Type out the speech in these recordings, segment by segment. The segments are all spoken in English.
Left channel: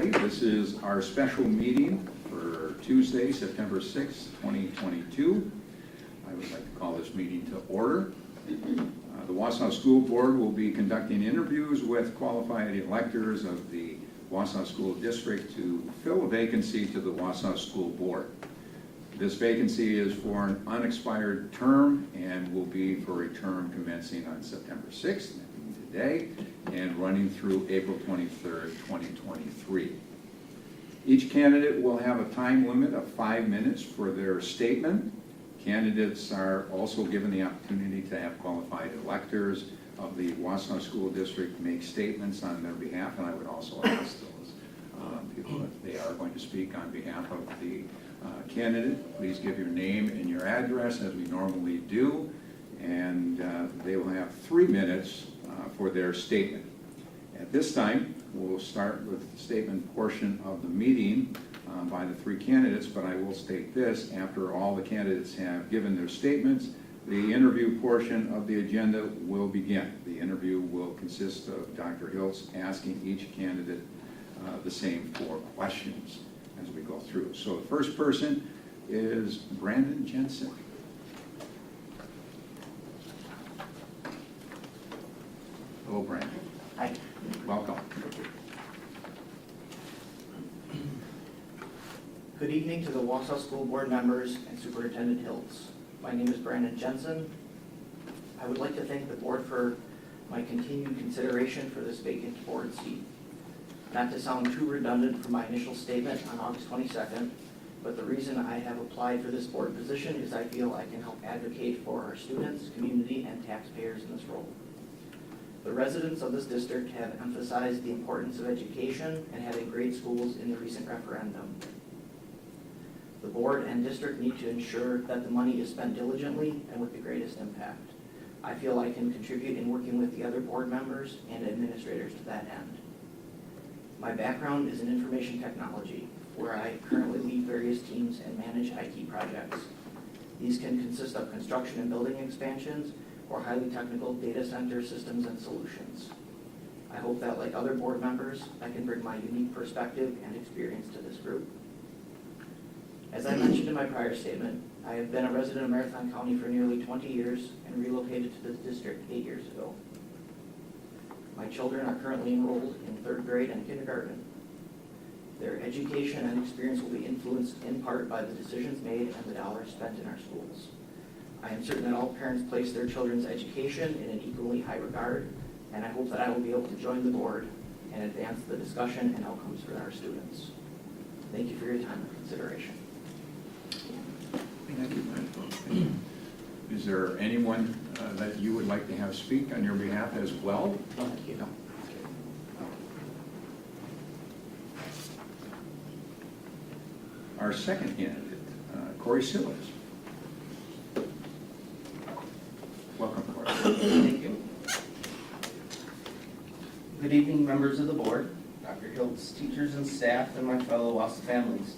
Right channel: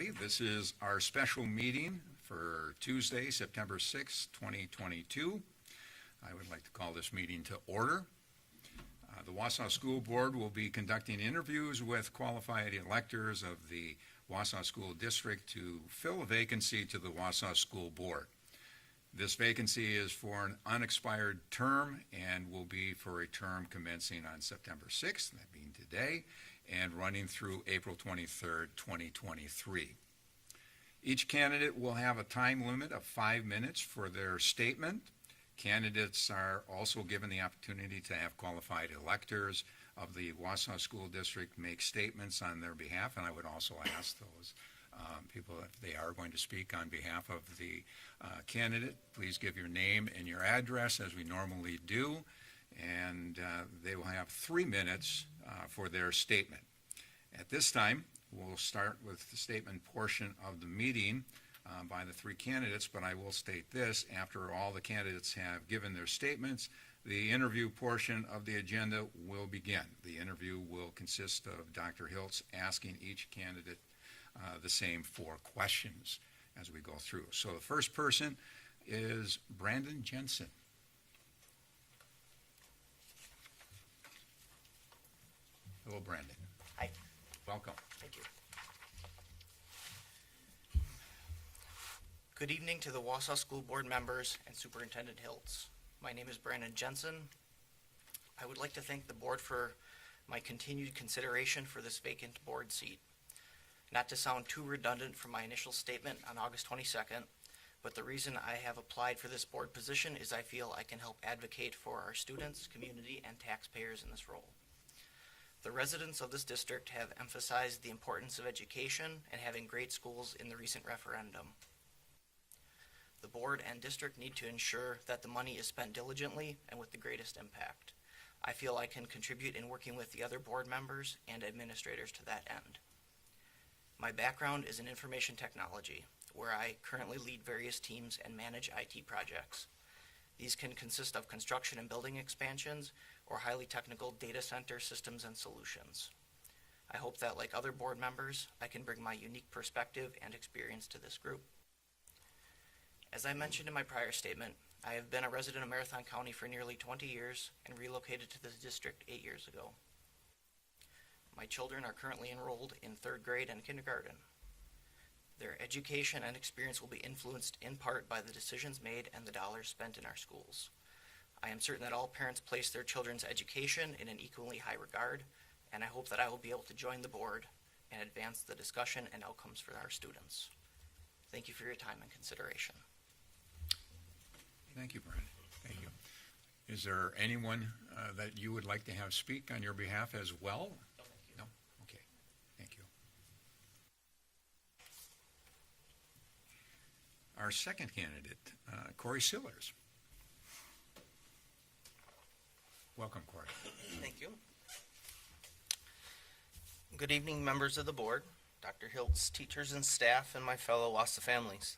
everybody. This is our special meeting for Tuesday, September 6th, 2022. I would like to call this meeting to order. The Wausau School Board will be conducting interviews with qualified electors of the Wausau School District to fill a vacancy to the Wausau School Board. This vacancy is for an unexpired term and will be for a term commencing on September 6th, that being today, and running through April 23rd, 2023. Each candidate will have a time limit of 5 minutes for their statement. Candidates are also given the opportunity to have qualified electors of the Wausau School District make statements on their behalf, and I would also ask those people that they are going to speak on behalf of the candidate. Please give your name and your address as we normally do, and they will have 3 minutes for their statement. At this time, we'll start with the statement portion of the meeting by the 3 candidates, but I will state this: after all the candidates have given their statements, the interview portion of the agenda will begin. The interview will consist of Dr. Hiltz asking each candidate the same 4 questions as we go through. So the first person is Brandon Jensen. Hello, Brandon. Hi. Welcome. Good evening to the Wausau School Board members and Superintendent Hiltz. My name is Brandon Jensen. I would like to thank the board for my continued consideration for this vacant board seat. Not to sound too redundant from my initial statement on August 22nd, but the reason I have applied for this board position is I feel I can help advocate for our students, community, and taxpayers in this role. The residents of this district have emphasized the importance of education and having great schools in the recent referendum. The board and district need to ensure that the money is spent diligently and with the greatest impact. I feel I can contribute in working with the other board members and administrators to that end. My background is in information technology, where I currently lead various teams and manage IT projects. These can consist of construction and building expansions or highly technical data center systems and solutions. I hope that, like other board members, I can bring my unique perspective and experience to this group. As I mentioned in my prior statement, I have been a resident of Marathon County for nearly 20 years and relocated to this district 8 years ago. My children are currently enrolled in 3rd grade and kindergarten. Their education and experience will be influenced in part by the decisions made and the dollars spent in our schools. I am certain that all parents place their children's education in an equally high regard, and I hope that I will be able to join the board and advance the discussion and outcomes for our students. Thank you for your time and consideration. Thank you, Brandon. Is there anyone that you would like to have speak on your behalf as well? Thank you. No. Our second candidate, Corey Sillis. Welcome, Corey. Thank you. Good evening, members of the board, Dr. Hiltz, teachers and staff, and my fellow Wausau families.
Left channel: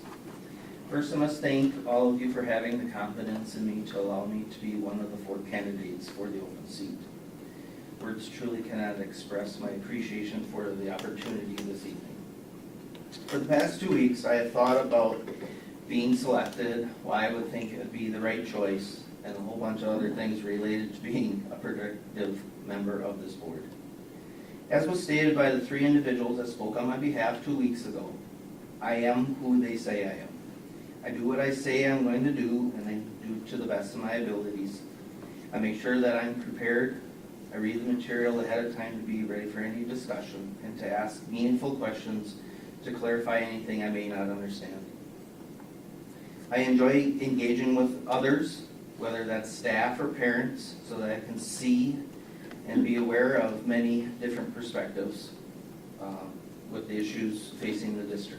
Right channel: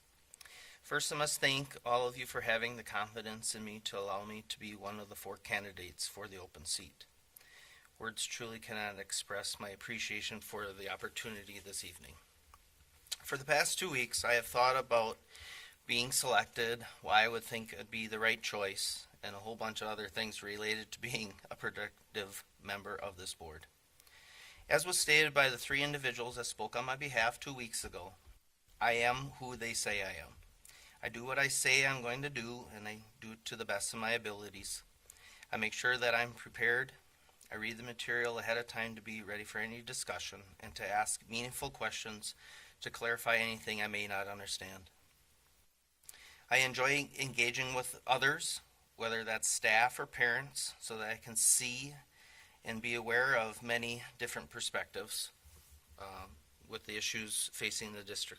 First, I must thank all of you for having the confidence in me to allow me to be one of the 4 candidates for the open seat. Words truly cannot express my appreciation for the opportunity this evening. For the past 2 weeks, I have thought about being selected, why I would think it would be the right choice, and a whole bunch of other things related to being a productive member of this board. As was stated by the 3 individuals that spoke on my behalf 2 weeks ago, I am who they say I am. I do what I say I'm going to do, and I do it to the best of my abilities. I make sure that I'm prepared. I read the material ahead of time to be ready for any discussion and to ask meaningful questions to clarify anything I may not understand. I enjoy engaging with others, whether that's staff or parents, so that I can see and be aware of many different perspectives with the issues facing the district.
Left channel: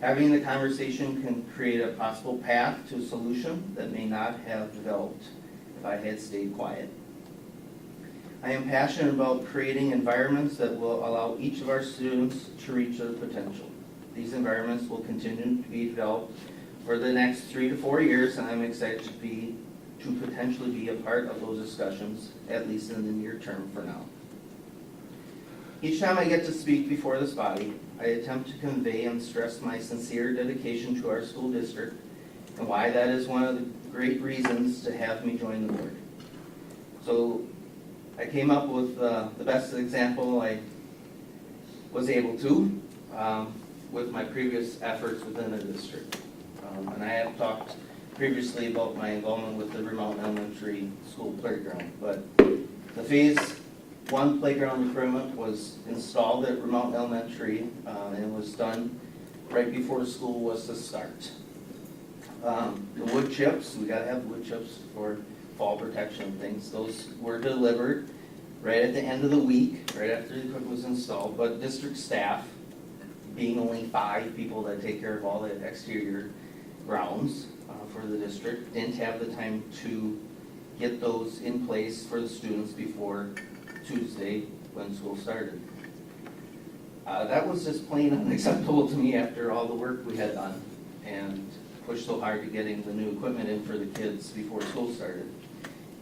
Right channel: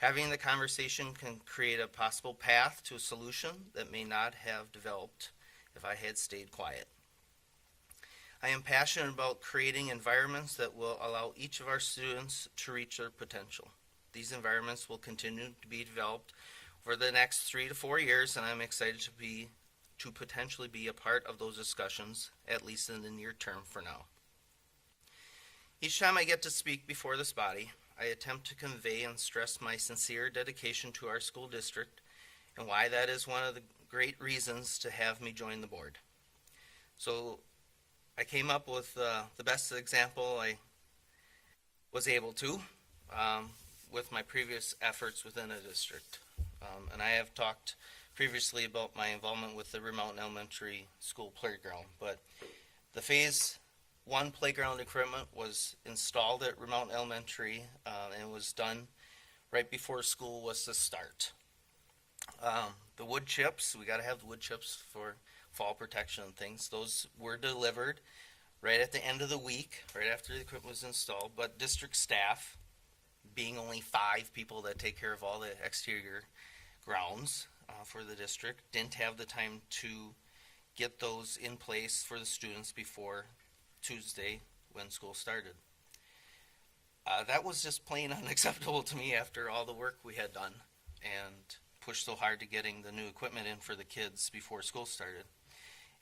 Having the conversation can create a possible path to a solution that may not have developed if I had stayed quiet. I am passionate about creating environments that will allow each of our students to reach their potential. These environments will continue to be developed for the next 3 to 4 years, and I'm excited to potentially be a part of those discussions, at least in the near term for now. Each time I get to speak before this body, I attempt to convey and stress my sincere dedication to our school district and why that is one of the great reasons to have me join the board. So I came up with the best example I was able to with my previous efforts within the district. And I have talked previously about my involvement with the Vermont Elementary School playground, but the Phase 1 playground equipment was installed at Vermont Elementary, and it was done right before school was to start. The wood chips, we gotta have wood chips for fall protection and things, those were delivered right at the end of the week, right after the equipment was installed, but district staff, being only 5 people that take care of all the exterior grounds for the district, didn't have the time to get those in place for the students before Tuesday when school started. That was just plain unacceptable to me after all the work we had done and pushed so hard to getting the new equipment in for the kids before school started.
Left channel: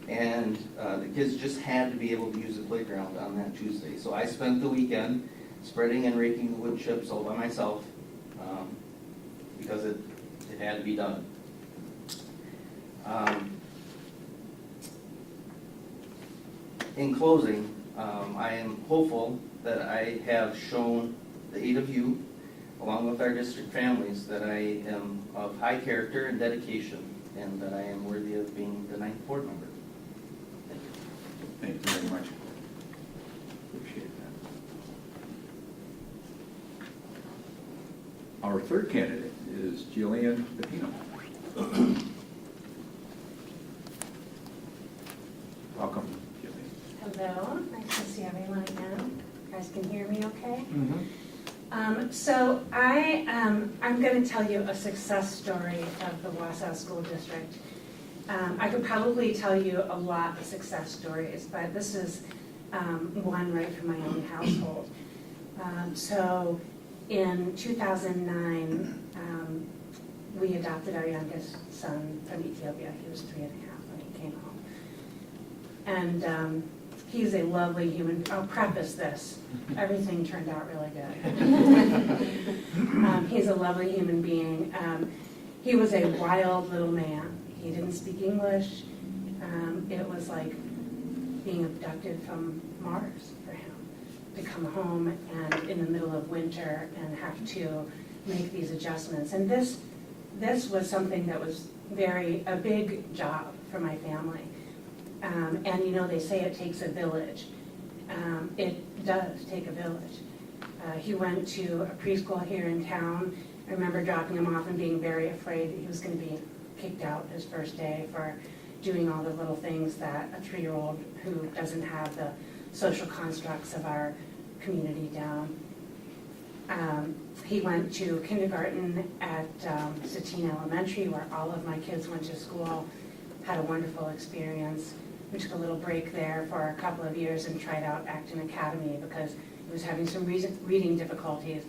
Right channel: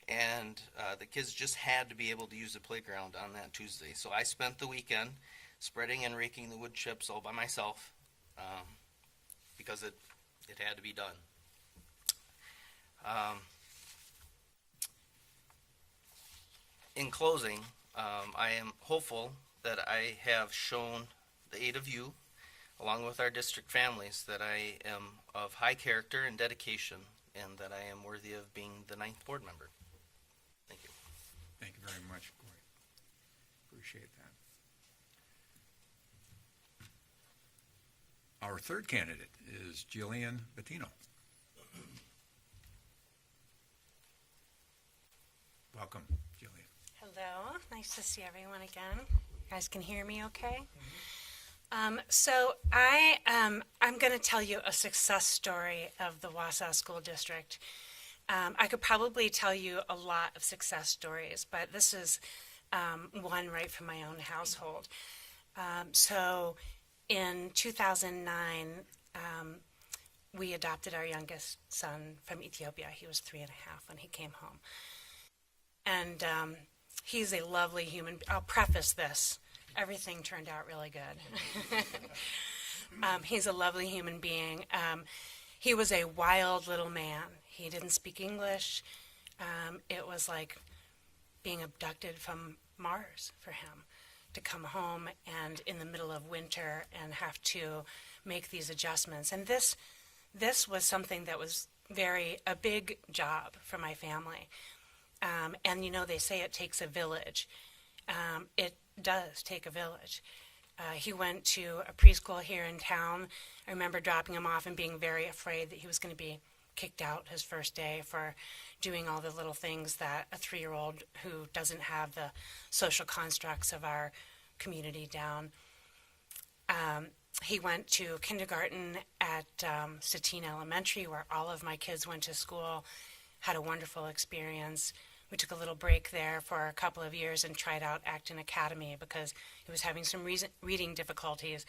And the kids just had to be able to use the playground on that Tuesday. So I spent the weekend spreading and raking the wood chips all by myself because it had to be done. In closing, I am hopeful that I have shown the 8 of you, along with our district families, that I am of high character and dedication, and that I am worthy of being the 9th board member. Thank you. Thank you very much. Appreciate that. Our third candidate is Julian Patino. Welcome, Julian. Hello, nice to see everyone again. You guys can hear me okay? Mm-hmm. So I'm going to tell you a success story of the Wausau School District. I could probably tell you a lot of success stories, but this is one right from my own household. So in 2009, we adopted our youngest son from Ethiopia. He was 3 and a half when he came home. And he's a lovely human. I'll preface this. Everything turned out really good. He's a lovely human being. He was a wild little man. He didn't speak English. It was like being abducted from Mars for him to come home and in the middle of winter and have to make these adjustments. And this was something that was a big job for my family. And you know, they say it takes a village. It does take a village. He went to a preschool here in town. I remember dropping him off and being very afraid that he was going to be kicked out his first day for doing all the little things that a 3-year-old who doesn't have the social constructs of our community down. He went to kindergarten at Satine Elementary, where all of my kids went to school, had a wonderful experience. We took a little break there for a couple of years and tried out Acton Academy because he was having some reading difficulties,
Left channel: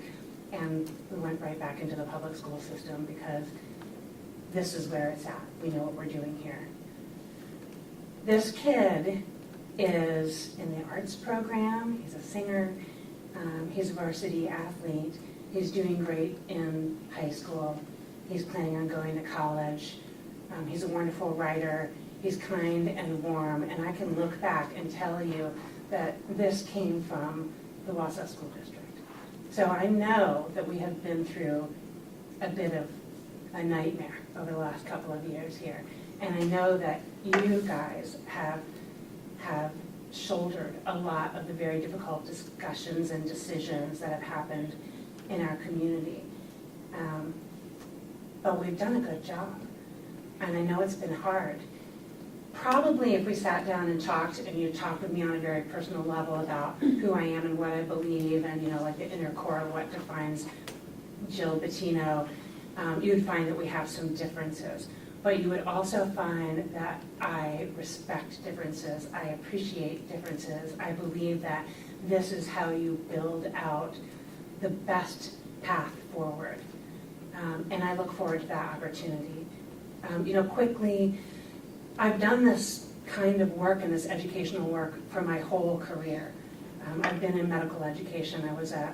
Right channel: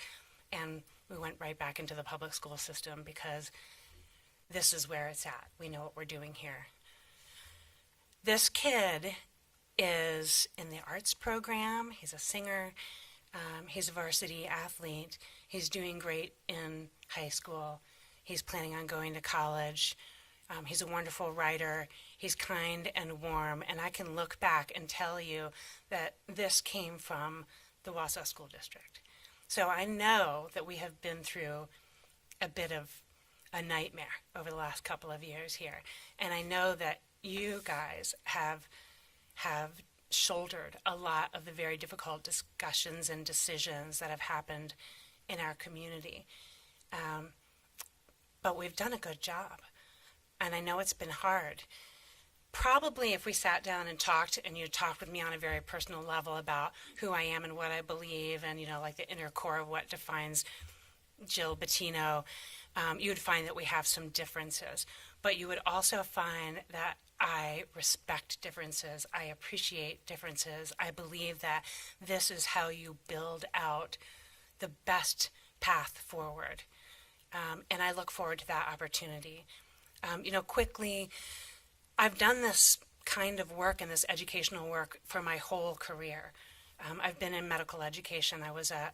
and we went right back into the public school system because this is where it's at. We know what we're doing here. This kid is in the arts program. He's a singer. He's a varsity athlete. He's doing great in high school. He's planning on going to college. He's a wonderful writer. He's kind and warm, and I can look back and tell you that this came from the Wausau School District. So I know that we have been through a bit of a nightmare over the last couple of years here, and I know that you guys have shouldered a lot of the very difficult discussions and decisions that have happened in our community. But we've done a good job, and I know it's been hard. Probably if we sat down and talked, and you talked with me on a very personal level about who I am and what I believe, and like the inner core of what defines Jill Patino, you would find that we have some differences. But you would also find that I respect differences, I appreciate differences, I believe that this is how you build out the best path forward. And I look forward to that opportunity. Quickly, I've done this kind of work and this educational work for my whole career. I've been in medical education. I was an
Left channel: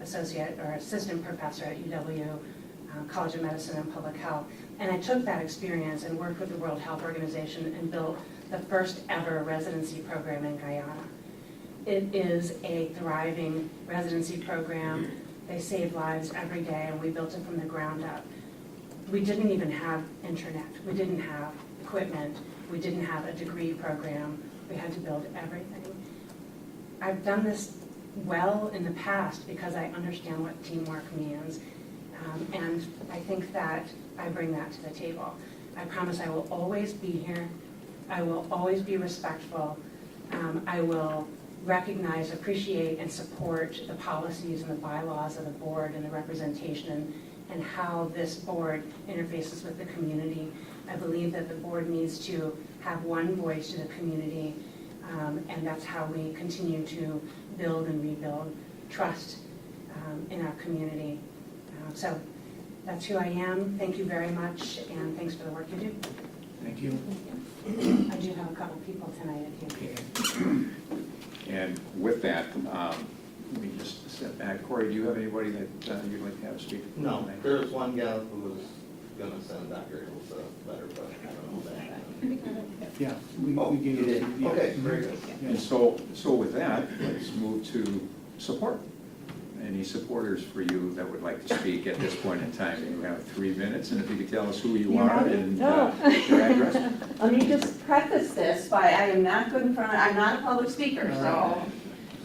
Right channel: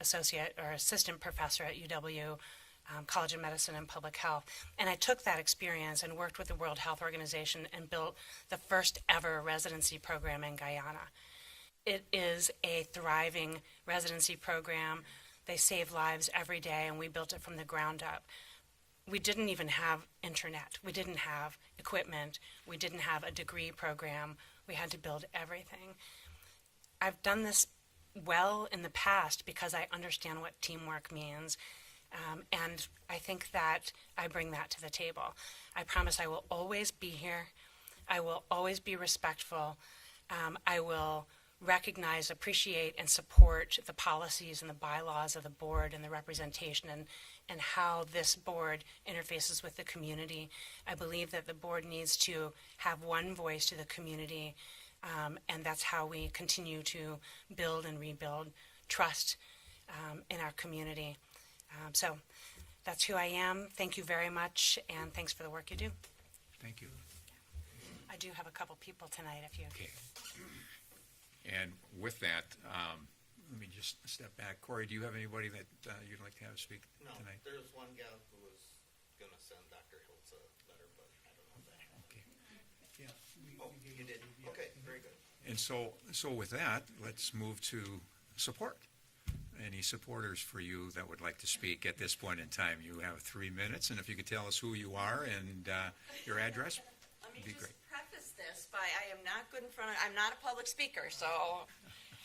associate or assistant professor at UW College of Medicine and Public Health. And I took that experience and worked with the World Health Organization and built the first ever residency program in Guyana. It is a thriving residency program. They save lives every day, and we built it from the ground up. We didn't even have internet. We didn't have equipment. We didn't have a degree program. We had to build everything. I've done this well in the past because I understand what teamwork means. And I think that I bring that to the table. I promise I will always be here. I will always be respectful. I will recognize, appreciate, and support the policies and the bylaws of the board and the representation and how this board interfaces with the community. I believe that the board needs to have one voice to the community, and that's how we continue to build and rebuild trust in our community. So that's who I am. Thank you very much, and thanks for the work you do. Thank you. I do have a couple people tonight if you. And with that, let me just step back. Corey, do you have anybody that you'd like to have speak? No, tonight? there's one gal who was gonna send Dr. Hills a letter, but I don't know if that happened. Yeah, Oh, we gave you it. did? Yeah. Okay, very good. And so with that, let's move to support. Any supporters for you that would like to speak at this point in time? You have 3 minutes, and if you could tell us who you are and your address. Let me just preface this by I am not good in front of, I'm not a public speaker, so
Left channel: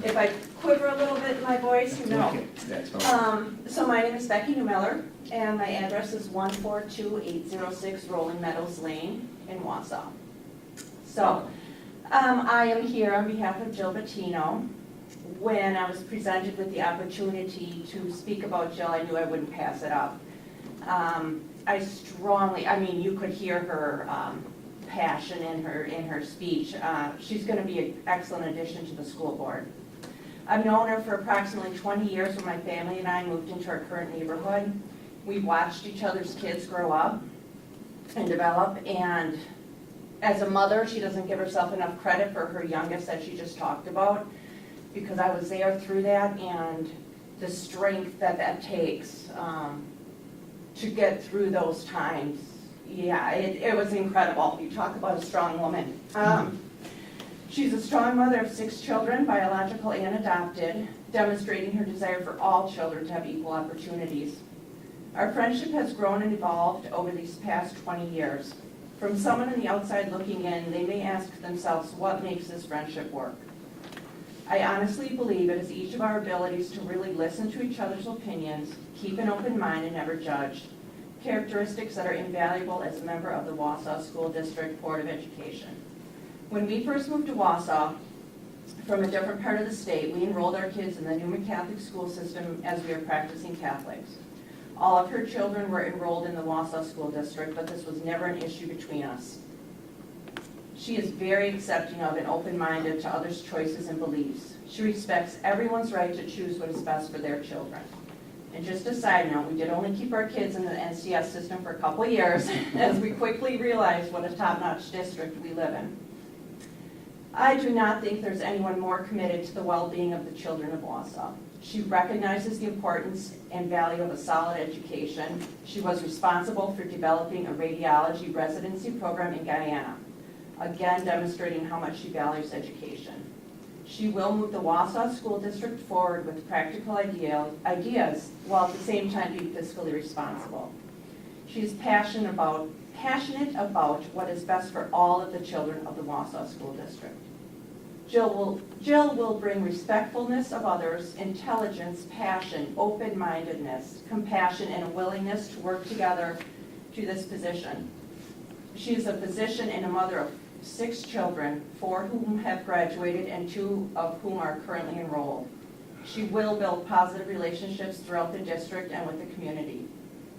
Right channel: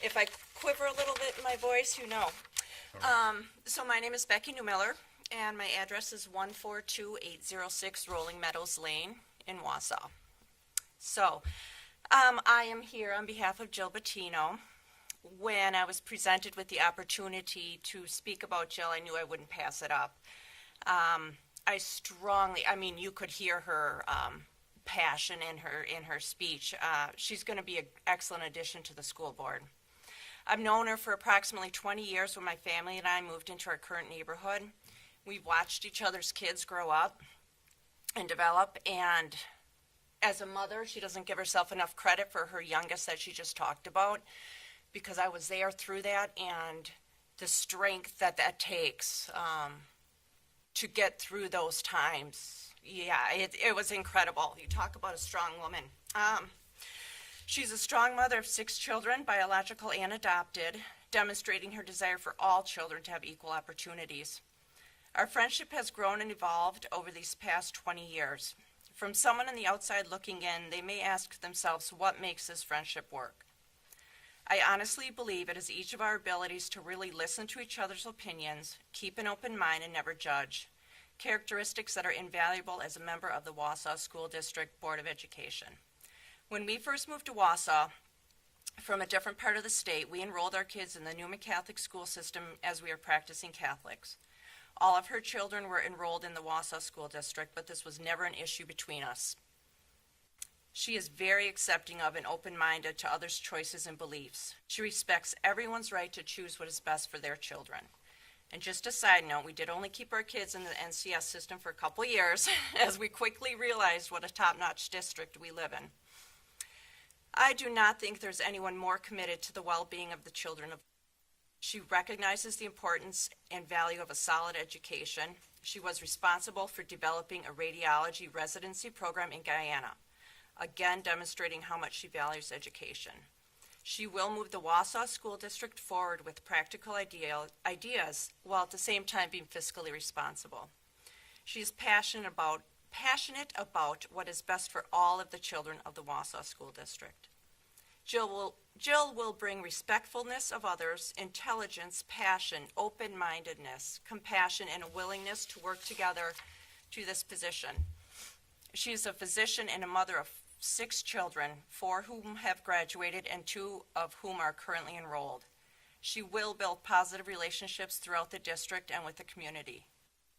if I quiver a little bit in my voice, you know. Okay. That's all right. So my name is Becky Newmiller, and my address is 142806 Rolling Meadows Lane in Wausau. So, I am here on behalf of Jill Patino. When I was presented with the opportunity to speak about Jill, I knew I wouldn't pass it up. I mean, you could hear her passion in her speech. She's going to be an excellent addition to the school board. I've known her for approximately 20 years when my family and I moved into our current neighborhood. We've watched each other's kids grow up and develop, and as a mother, she doesn't give herself enough credit for her youngest that she just talked about, because I was there through that, and the strength that takes to get through those times. Yeah, it was incredible. You talk about a strong woman. She's a strong mother of 6 children, biological and adopted, demonstrating her desire for all children to have equal opportunities. Our friendship has grown and evolved over these past 20 years. From someone on the outside looking in, they may ask themselves, what makes this friendship work? I honestly believe it is each of our abilities to really listen to each other's opinions, keep an open mind, and never judge, characteristics that are invaluable as a member of the Wausau School District Board of Education. When we first moved to Wausau from a different part of the state, we enrolled our kids in the Newman Catholic school system as we were practicing Catholics. All of her children were enrolled in the Wausau School District, but this was never an issue between us. She is very accepting of and open-minded to others' choices and beliefs. She respects everyone's right to choose what is best for their children. And just a side note, we did only keep our kids in the NCS system for a couple years as we quickly realized what a top-notch district we live in. I do not think there's anyone more committed to the well-being of the children of Wausau. She recognizes the importance and value of a solid education. She was responsible for developing a radiology residency program in Guyana, again demonstrating how much she values education. She will move the Wausau School District forward with practical ideas while at the same time being fiscally responsible. She is passionate about what is best for all of the children of the Wausau School District. Jill will bring respectfulness of others, intelligence, passion, open-mindedness, compassion, and a willingness to work together to this position. She is a physician and a mother of 6 children, 4 whom have graduated and 2 of whom are currently enrolled. She will build positive relationships throughout the district and with the community.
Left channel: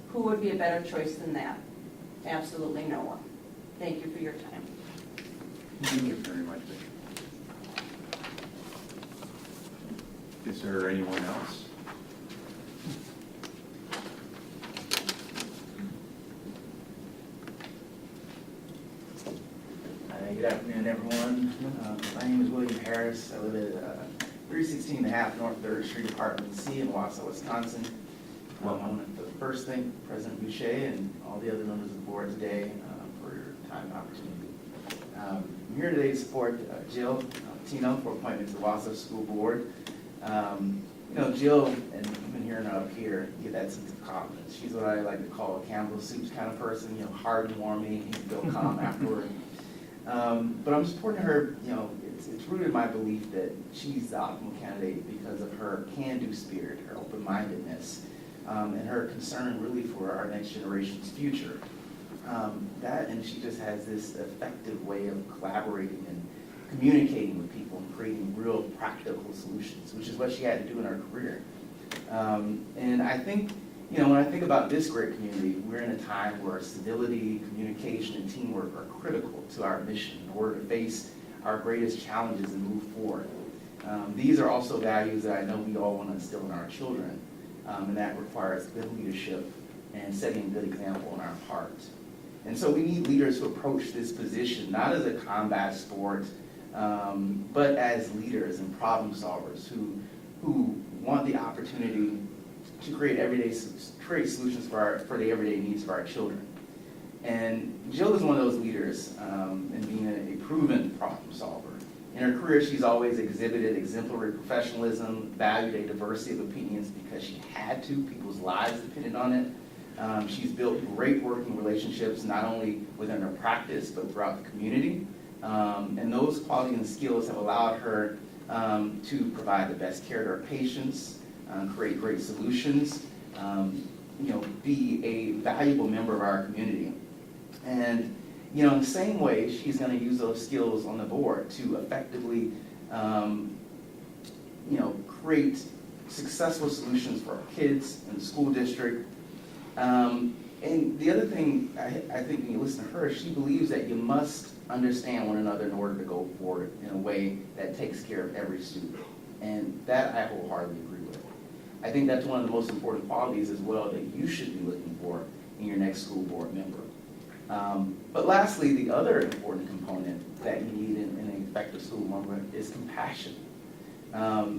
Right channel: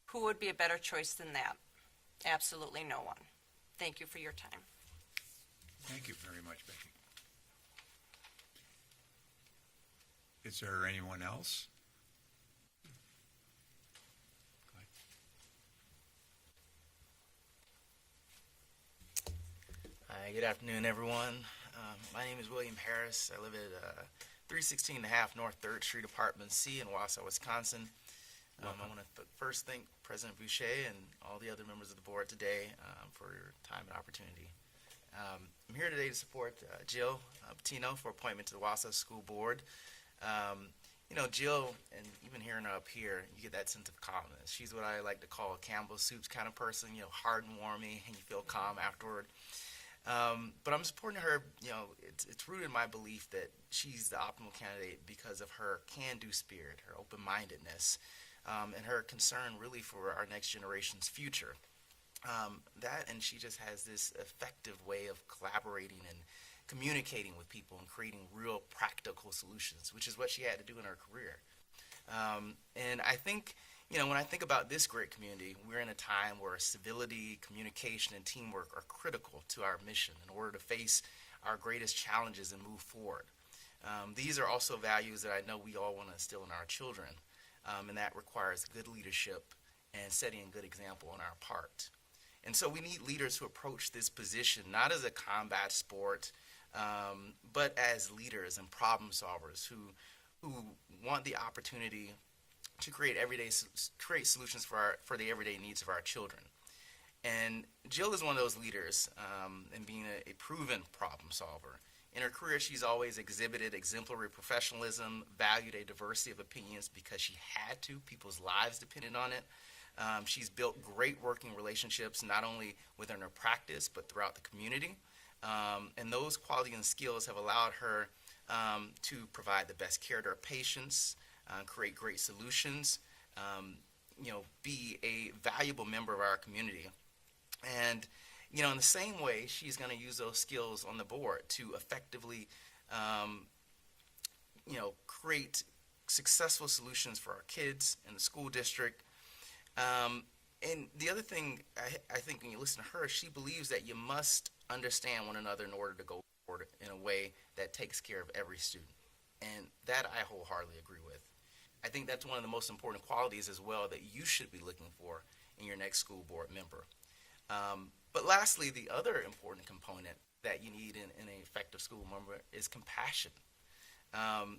Who would be a better choice than that? Absolutely no one. Thank you for your time. Thank you very much, Vicki. Is there anyone else? Good afternoon, everyone. My name is William Harris. I live at 316 North 3rd Street, Apartment C in Wausau, Wisconsin. I want to first thank President Boucher and all the other members of the board today for your time and opportunity. I'm here today to support Jill Patino for appointment to the Wausau School Board. You know, Jill, and you've been hearing her up here, you get that sense of confidence. She's what I like to call a Campbell soup kind of person, you know, hard and warmy, and you feel calm afterward. But I'm supporting her, you know, it's rooted in my belief that she's the optimal candidate because of her can-do spirit, her open-mindedness, and her concern really for our next generation's future. And she just has this effective way of collaborating and communicating with people and creating real practical solutions, which is what she had to do in her career. And I think, you know, when I think about this great community, we're in a time where civility, communication, and teamwork are critical to our mission in order to face our greatest challenges and move forward. These are also values that I know we all want to instill in our children, and that requires good leadership and setting a good example in our part. And so we need leaders who approach this position not as a combat sport, but as leaders and problem solvers who want the opportunity to create solutions for the everyday needs of our children. And Jill is one of those leaders in being a proven problem solver. In her career, she's always exhibited exemplary professionalism, valued a diversity of opinions because she had to. People's lives depended on it. She's built great working relationships, not only within her practice, but throughout the community. And those qualities and skills have allowed her to provide the best care to her patients, create great solutions, you know, be a valuable member of our community. And, you know, in the same way, she's going to use those skills on the board to effectively, you know, create successful solutions for our kids in the school district. And the other thing, I think when you listen to her, she believes that you must understand one another in order to go forward in a way that takes care of every student. And that I wholeheartedly agree with. I think that's one of the most important qualities as well that you should be looking for in your next school board member. But lastly, the other important component that you need in an effective school member is compassion.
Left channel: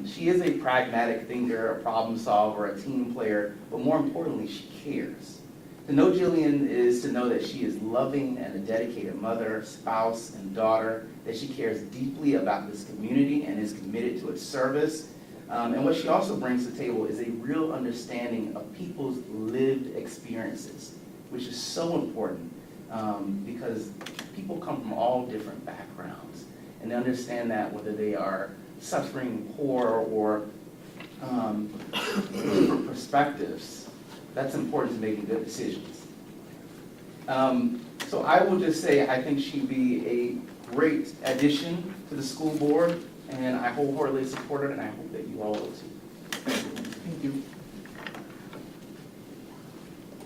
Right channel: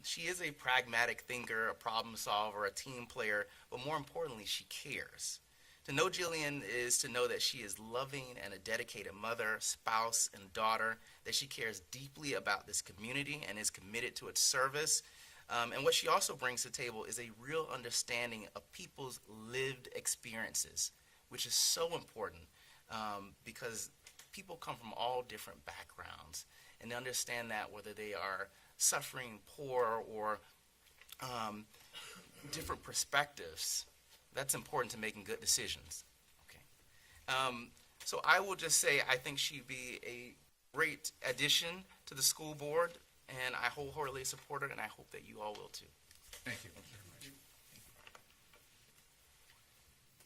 She is a pragmatic thinker, a problem solver, a team player, but more importantly, she cares. To know Jillian is to know that she is loving and a dedicated mother, spouse, and daughter, that she cares deeply about this community and is committed to its service. And what she also brings to the table is a real understanding of people's lived experiences, which is so important because people come from all different backgrounds, and they understand that whether they are suffering, poor, or different perspectives, that's important to making good decisions. So I will just say I think she'd be a great addition to the school board, and I wholeheartedly support her, and I hope that you all will too. Thank you.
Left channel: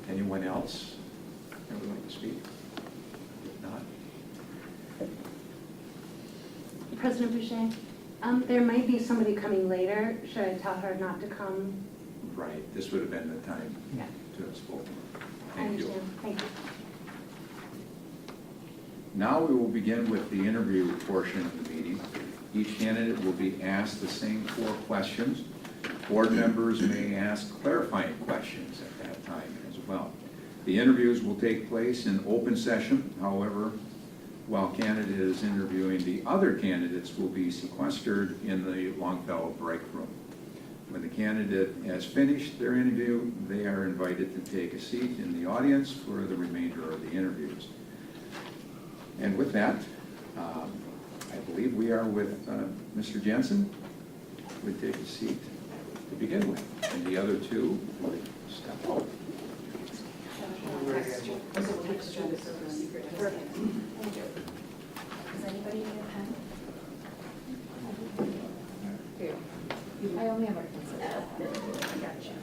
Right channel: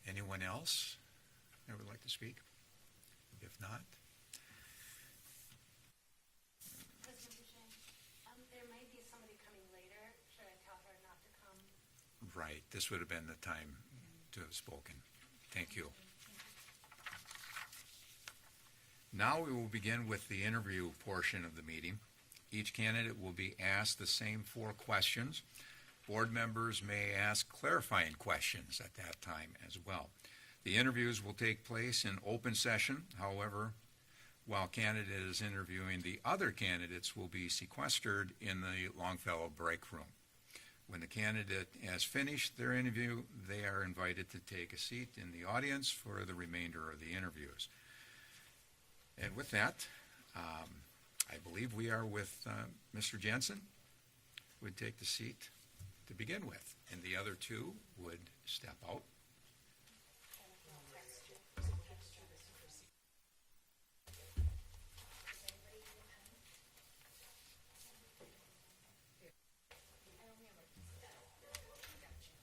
Anyone else that would like to speak? If not, President Boucher, there might be somebody coming later. Should I tell her not to come? right, this would have been the time Yeah. to have spoken. I Thank you. understand. Thank you. Now we will begin with the interview portion of the meeting. Each candidate will be asked the same 4 questions. Board members may ask clarifying questions at that time as well. The interviews will take place in open session. However, while candidate is interviewing, the other candidates will be sequestered in the Longfellow break room. When the candidate has finished their interview, they are invited to take a seat in the audience for the remainder of the interviews. And with that, I believe we are with Mr. Jensen, who would take a seat to begin with, and the other 2 would step up. Does anybody need a pen? I only have a pencil. Gotcha.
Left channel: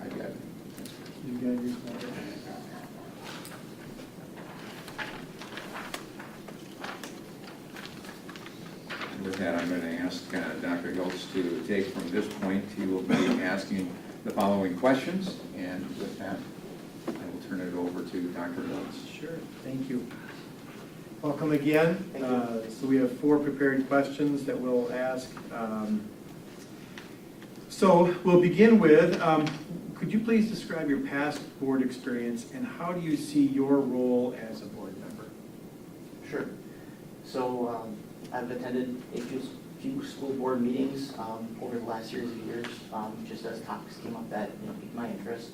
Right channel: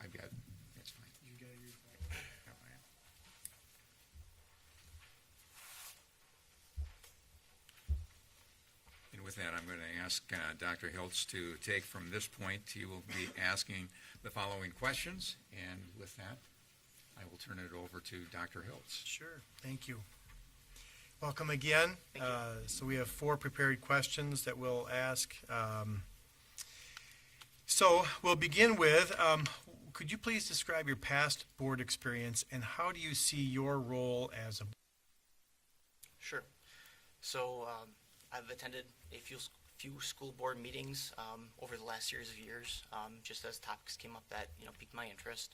I got it. And with that, I'm going to ask Dr. Hiltz to take from this point. He will be asking the following questions, and with that, I will turn it over to Dr. Hills. Sure, thank you. Welcome again. Thank you. So we have 4 prepared questions that we'll ask. So we'll begin with, could you please describe your past board experience and how do you see your role as a board member? Sure. So I've attended a few school board meetings over the last series of years, just as topics came up that piqued my interest.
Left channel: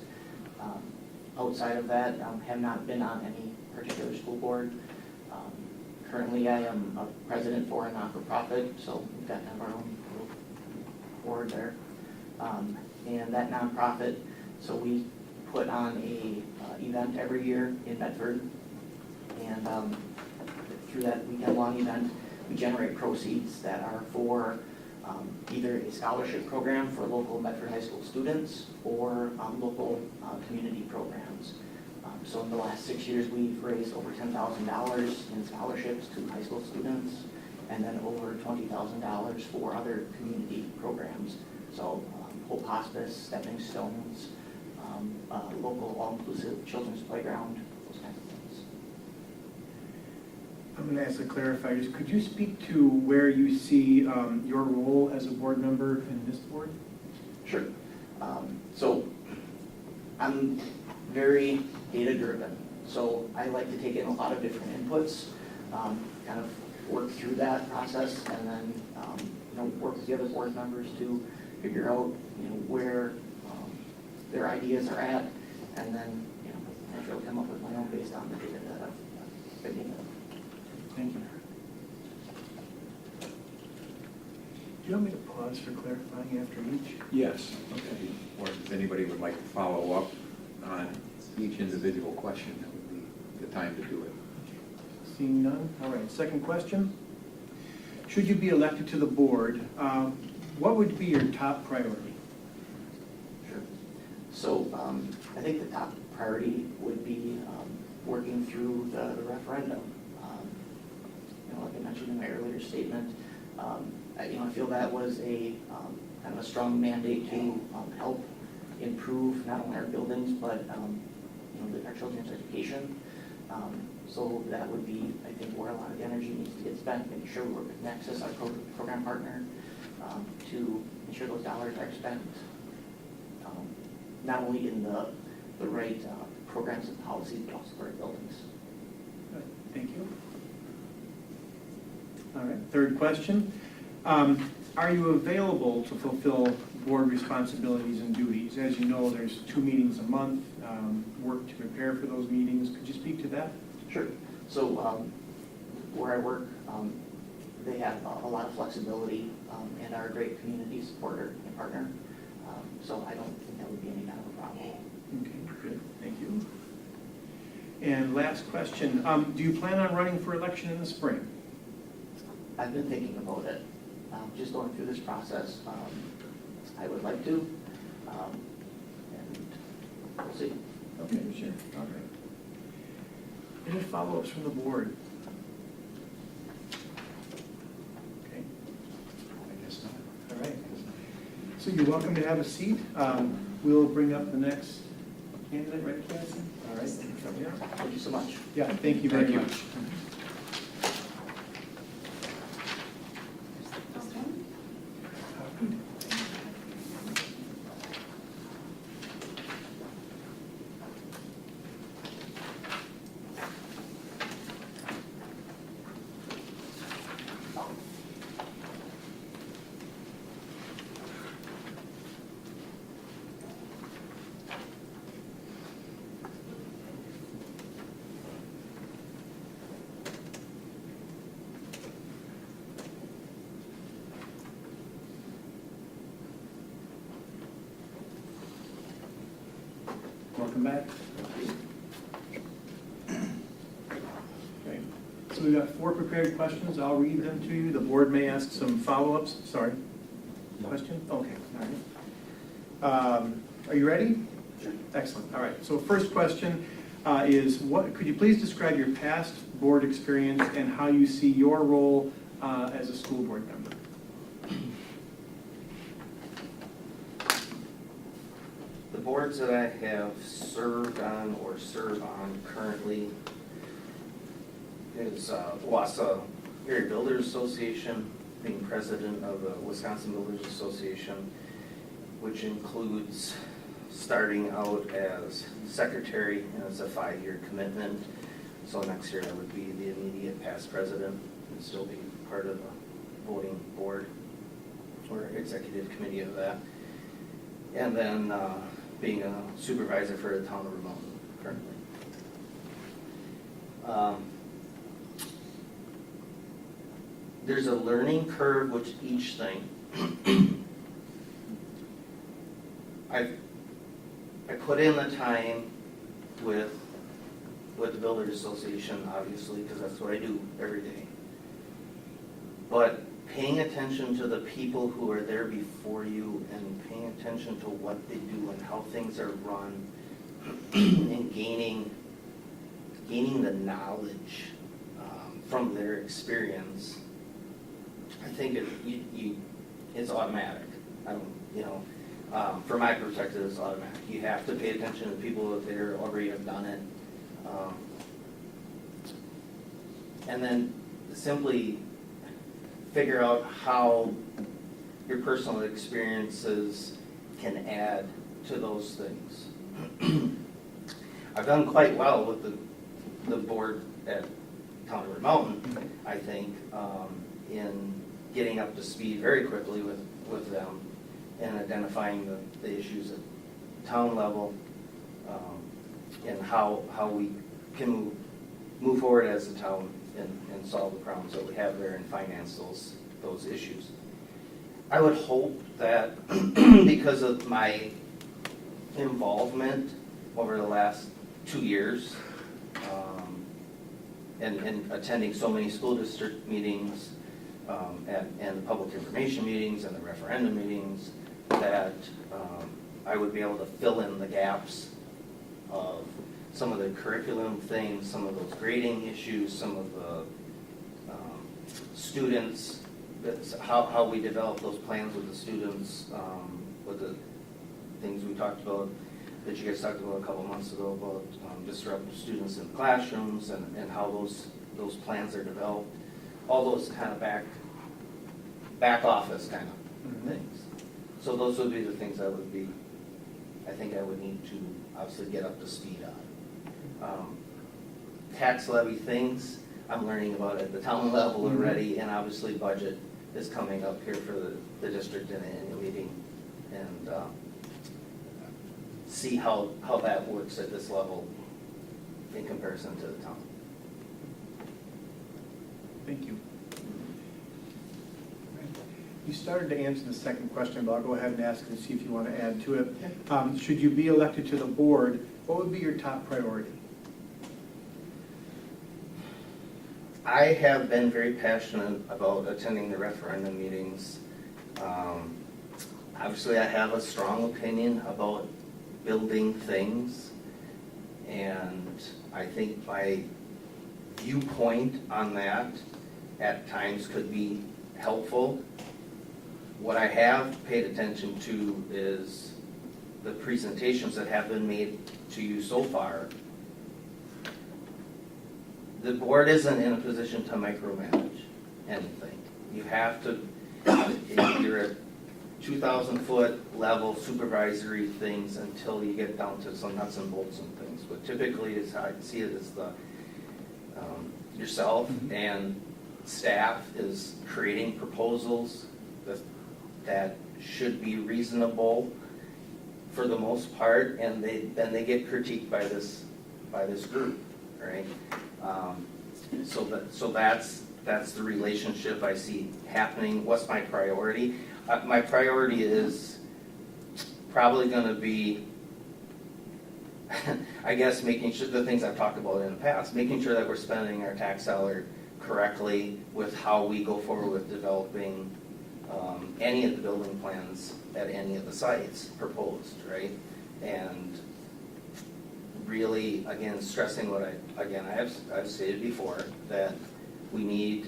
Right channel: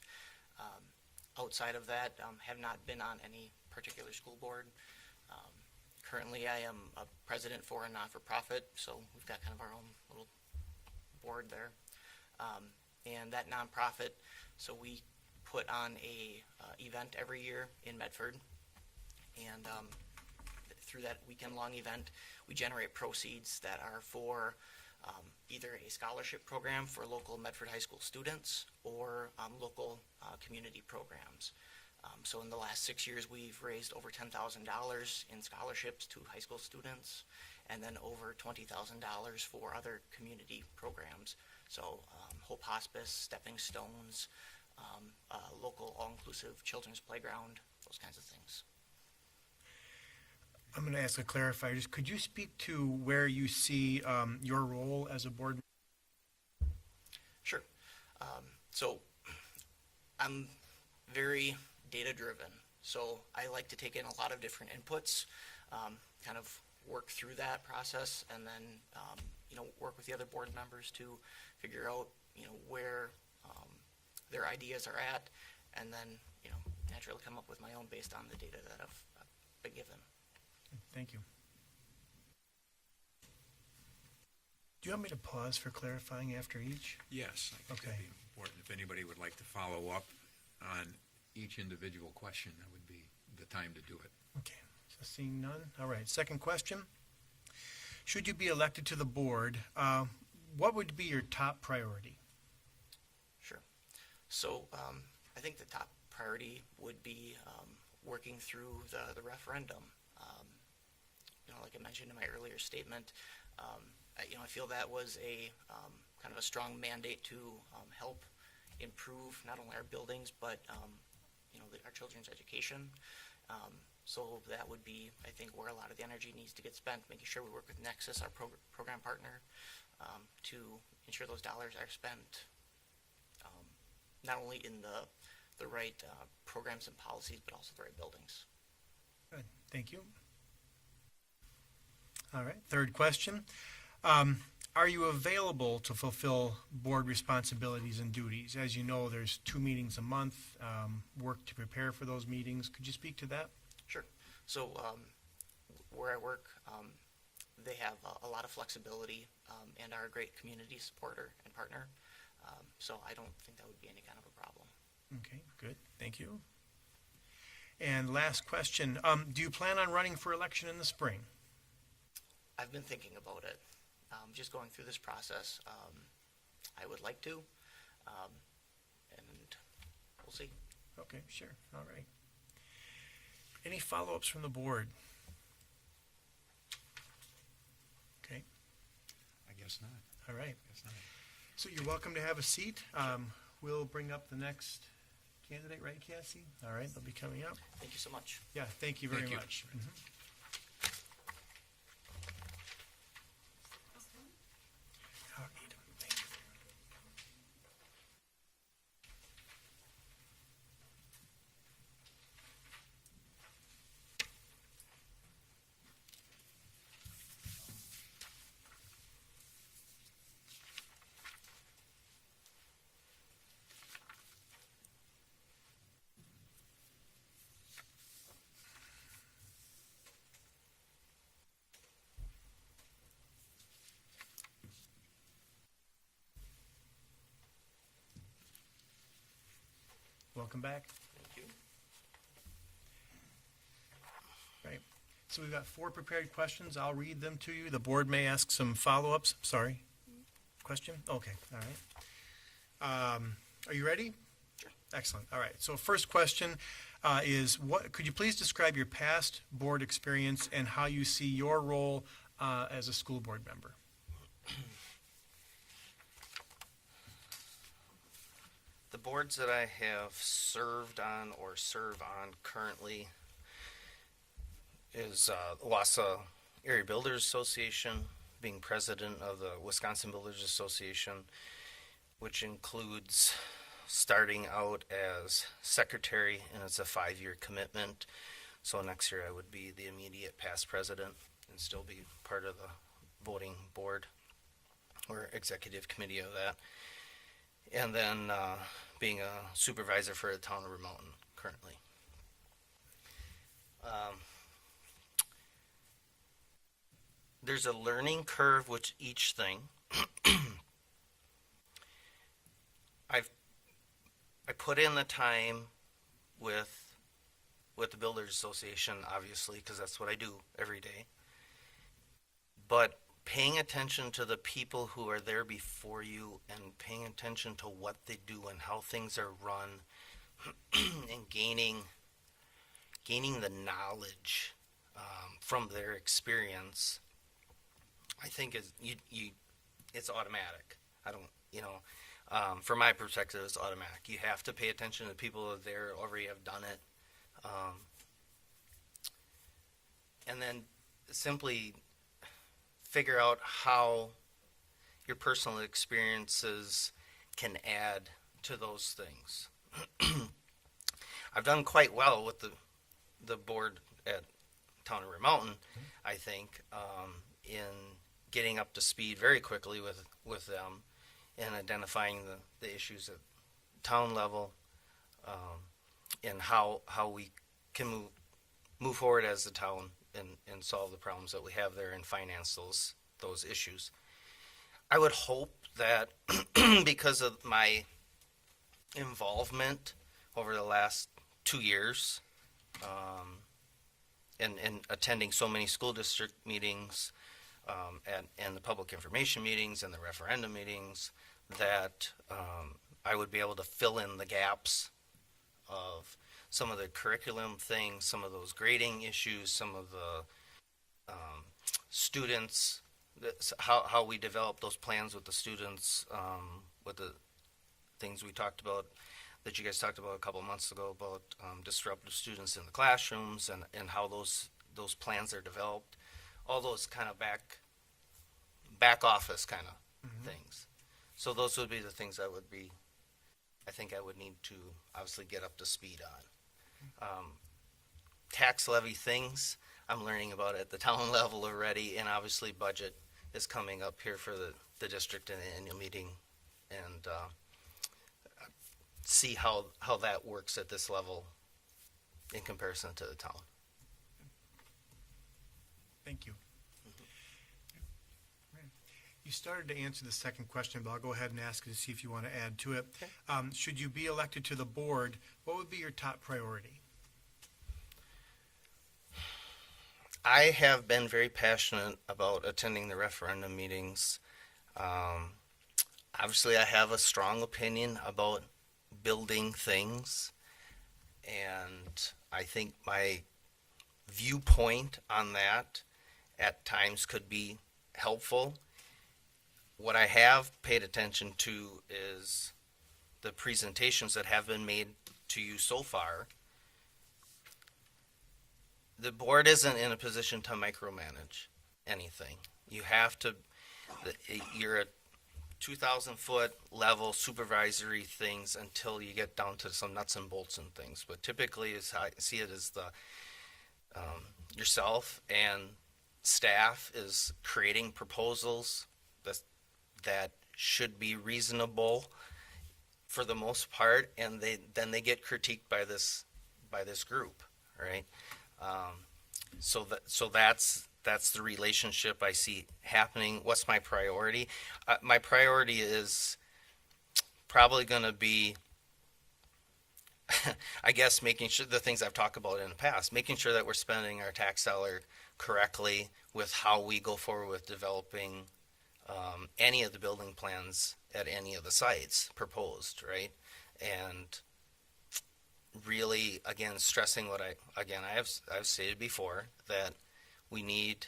Outside of that, have not been on any particular school board. Currently, I am a president for a not-for-profit, so we've got kind of our own little board there. And that nonprofit, so we put on a event every year in Medford, and through that weekend-long event, we generate proceeds that are for either a scholarship program for local Medford High School students or local community programs. So in the last 6 years, we've raised over $10,000 in scholarships to high school students, and then over $20,000 for other community programs. So Hope Hospice, Stepping Stones, local all-inclusive children's playground, those kinds of things. I'm going to ask a clarifier. Could you speak to where you see your role as a board member in this board? Sure. So I'm very data-driven, so I like to take in a lot of different inputs, kind of work through that process, and then work with the other board members to figure out where their ideas are at, and then naturally come up with my own based on the data that I've been given. Thank you. Do you want me to pause for clarifying after each? Yes. Okay. Or if anybody would like to follow up on each individual question, that would be the time to do it. Okay. Seeing none? All right, second question. Should you be elected to the board, what would be your top priority? Sure. So I think the top priority would be working through the referendum. Like I mentioned in my earlier statement, I feel that was a kind of a strong mandate to help improve not only our buildings, but our children's education. So that would be, I think, where a lot of the energy needs to get spent, making sure we work with Nexus, our program partner, to ensure those dollars are spent not only in the right programs and policies, but also the right buildings. Good, thank you. All right, third question. Are you available to fulfill board responsibilities and duties? As you know, there's 2 meetings a month, work to prepare for those meetings. Could you speak to that? Sure. So where I work, they have a lot of flexibility and are a great community supporter and partner. So I don't think that would be any kind of a problem. Okay, good, thank you. And last question, do you plan on running for election in the spring? I've been thinking about it, just going through this process. I would like to, and we'll see. Okay, sure, all right. Any follow-ups from the board? Okay, I guess not. all right. So you're welcome to have a seat. We'll bring up the next candidate, right, Cassie? All right. Yeah. Thank you so much. Yeah, thank you very Thank you. much. Welcome back. Great. So we've got 4 prepared questions. I'll read them to you. The board may ask some follow-ups. Sorry. Question? Okay, all right. Are you ready? Sure. Excellent. All right. So first question is, could you please describe your past board experience and how you see your role as a school board member? boards that I have served on or serve on currently is Wausau Area Builders Association, being president of the Wisconsin Builders Association, which includes starting out as secretary, and it's a 5-year commitment. So next year I would be the immediate past president and still be part of the voting board or executive committee of that. And then being a supervisor for the town of Vermont currently. There's a learning curve with each thing. I put in the time with the Builders Association, obviously, because that's what I do every day. But paying attention to the people who are there before you and paying attention to what they do and how things are run and gaining the knowledge from their experience, I think it's automatic. I don't, from my perspective, it's automatic. You have to pay attention to people that they already have done it. And then simply figure out how your personal experiences can add to those things. I've done quite well with the board at Town of Red Mountain, I think, in getting up to speed very quickly with them and identifying the issues at town level, and how we can move forward as a town and solve the problems that we have there and finance those issues. I would hope that because of my involvement over the last 2 years, and attending so many school district meetings, and the public information meetings and the referendum meetings, that I would be able to fill in the gaps of some of the curriculum things, some of those grading issues, some of the students, how we develop those plans with the students, with the things we talked about, that you guys talked about a couple of months ago about disruptive students in the classrooms and how those plans are developed, all those kind of back office kind of things. So those would be the things I think I would need to obviously get up to speed on. Tax levy things I'm learning about at the town level already, and obviously budget is coming up here for the district in the annual meeting, and see how that works at this level in comparison to the town. Thank you. You started to answer the second question, but I'll go ahead and ask and see if you want to add to it. Should you be elected to the board, what would be your top priority? I have been very passionate about attending the referendum meetings. Obviously, I have a strong opinion about building things, and I think my viewpoint on that at times could be helpful. What I have paid attention to is the presentations that have been made to you so far. The board isn't in a position to micromanage anything. You have to, you're at 2,000 foot level supervisory things until you get down to some nuts and bolts and things. But typically, as I see it, is the yourself and staff is creating proposals that should be reasonable for the most part, and then they get critiqued by this group, right? So that's the relationship I see happening. What's my priority? My priority is probably going to be, I guess, making sure the things I've talked about in the past, making sure that we're spending our tax dollar correctly with how we go forward with developing any of the building plans at any of the sites proposed, right? And really, again, stressing what I've stated before, that we need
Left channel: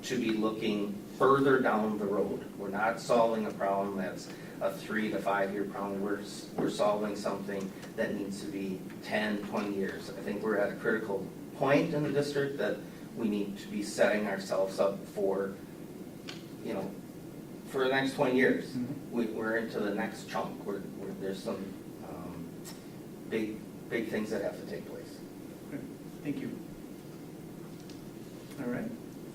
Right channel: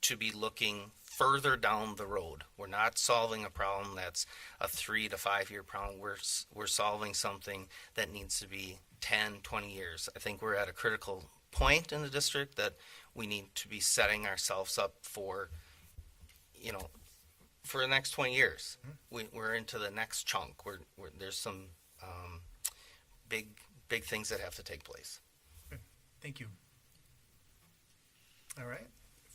to be looking further down the road. We're not solving a problem that's a 3 to 5 year problem. We're solving something that needs to be 10, 20 years. I think we're at a critical point in the district that we need to be setting ourselves up for, you know, for the next 20 years. We're into the next chunk. There's some big things that have to take place. Okay, thank you. All right,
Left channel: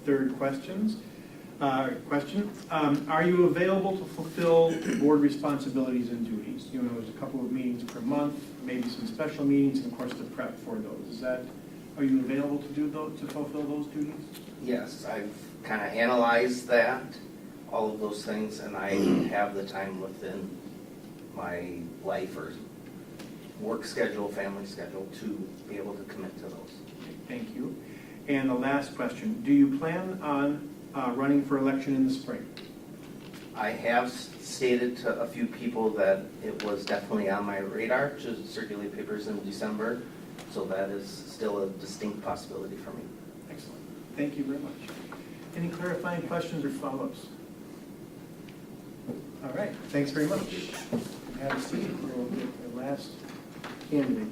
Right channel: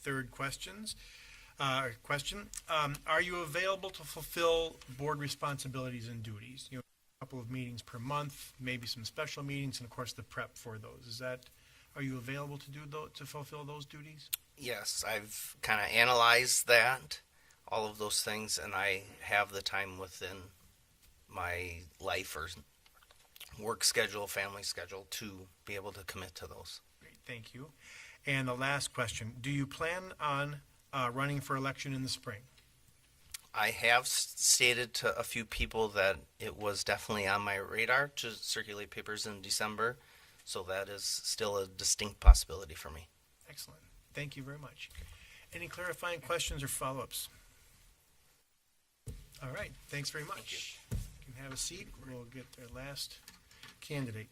third question. Are you available to fulfill board responsibilities and duties? You know, there's a couple of meetings per month, maybe some special meetings, and of course the prep for those. Are you available to do those, to fulfill those duties? Yes, I've kind of analyzed that, all of those things, and I have the time within my life or work schedule, family schedule to be able to commit to those. Okay, thank you. And the last question, do you plan on running for election in the spring? I have stated to a few people that it was definitely on my radar to circulate papers in December, so that is still a distinct possibility for me. Excellent. Thank you very much. Any clarifying questions or follow-ups? All right, thanks very much. Have a seat. We'll get the last candidate.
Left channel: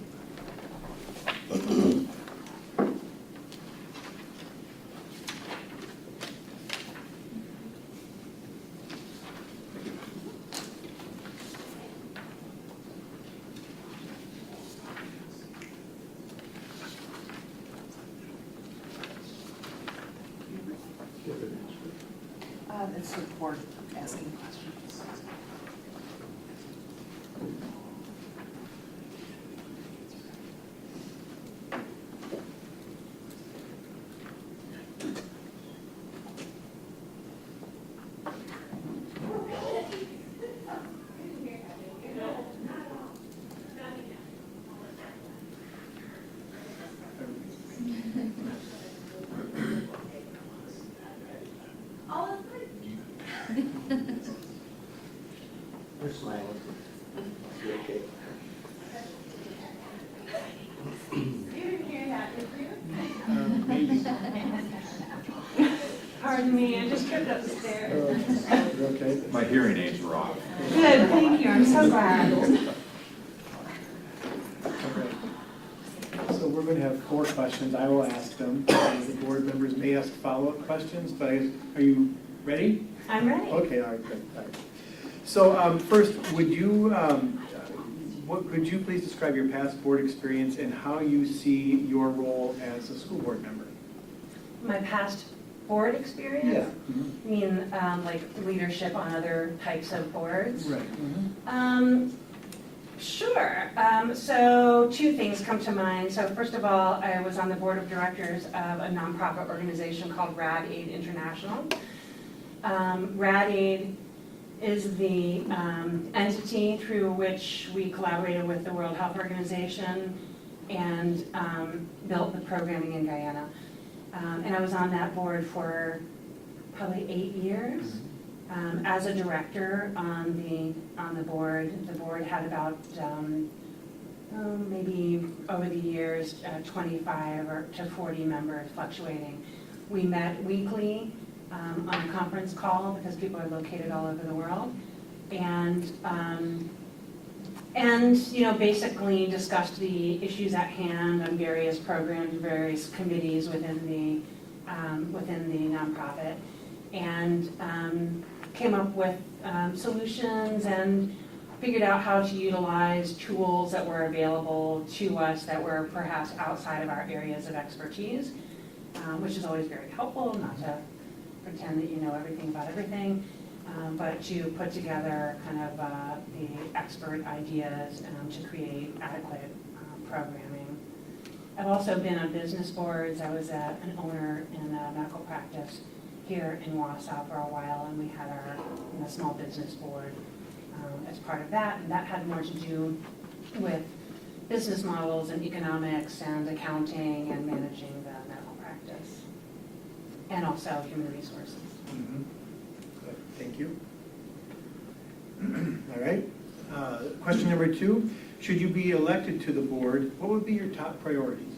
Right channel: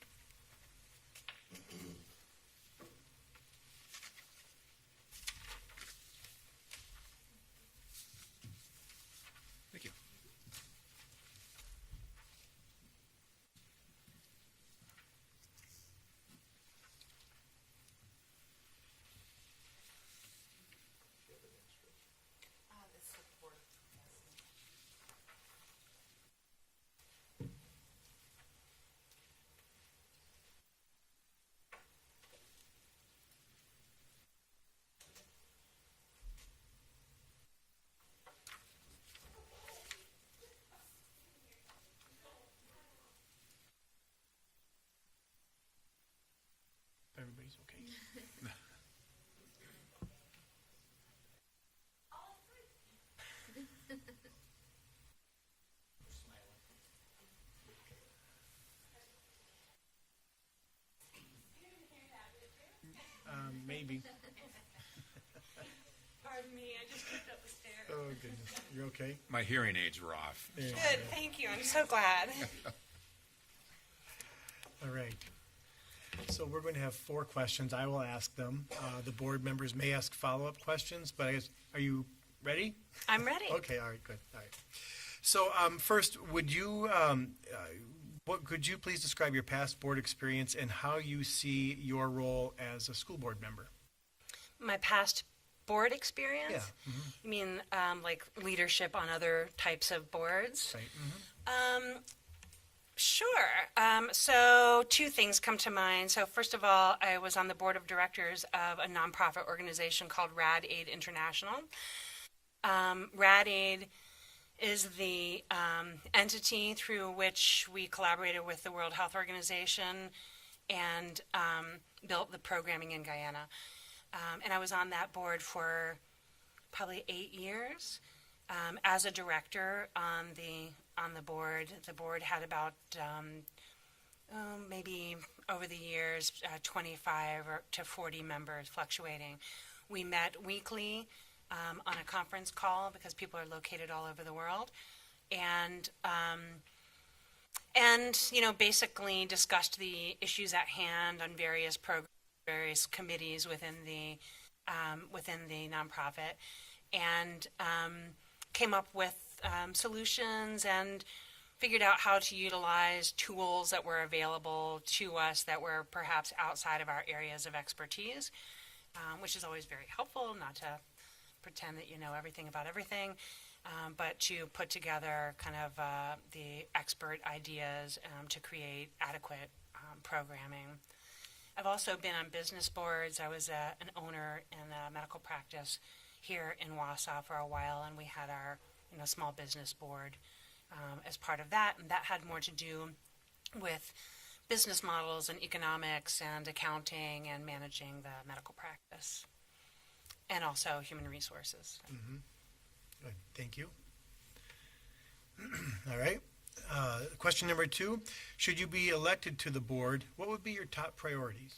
It's the board asking questions. You're smiling. You okay? Maybe. Pardon me, I just tripped up the stairs. You're okay? My hearing aids were off. Good, thank you, I'm so glad. All right. So we're going to have 4 questions. I will ask them. The board members may ask follow-up questions, but are you ready? I'm ready. Okay, all right, good. All right. So first, could you please describe your past board experience and how you see your role as a school board member? My past board experience? Mhm. You mean like leadership on other types of boards? Right. Sure. So 2 things come to mind. So first of all, I was on the board of directors of a nonprofit organization called Rad Aid International. Rad Aid is the entity through which we collaborated with the World Health Organization and built the programming in Guyana. And I was on that board for probably 8 years. As a director on the board had about maybe over the years 25 to 40 members, fluctuating. We met weekly on a conference call because people are located all over the world, and you know, basically discussed the issues at hand on various programs, various committees within the nonprofit, and came up with solutions and figured out how to utilize tools that were available to us that were perhaps outside of our areas of expertise, which is always very helpful, not to pretend that you know everything about everything, but to put together kind of the expert ideas to create adequate programming. I've also been on business boards. I was an owner in a medical practice here in Wausau for a while, and we had our small business board as part of that, and that had more to do with business models and economics and accounting and managing the medical practice, and also human resources. Good. Thank you. All right. Question number 2, should you be elected to the board, what would be your top priorities?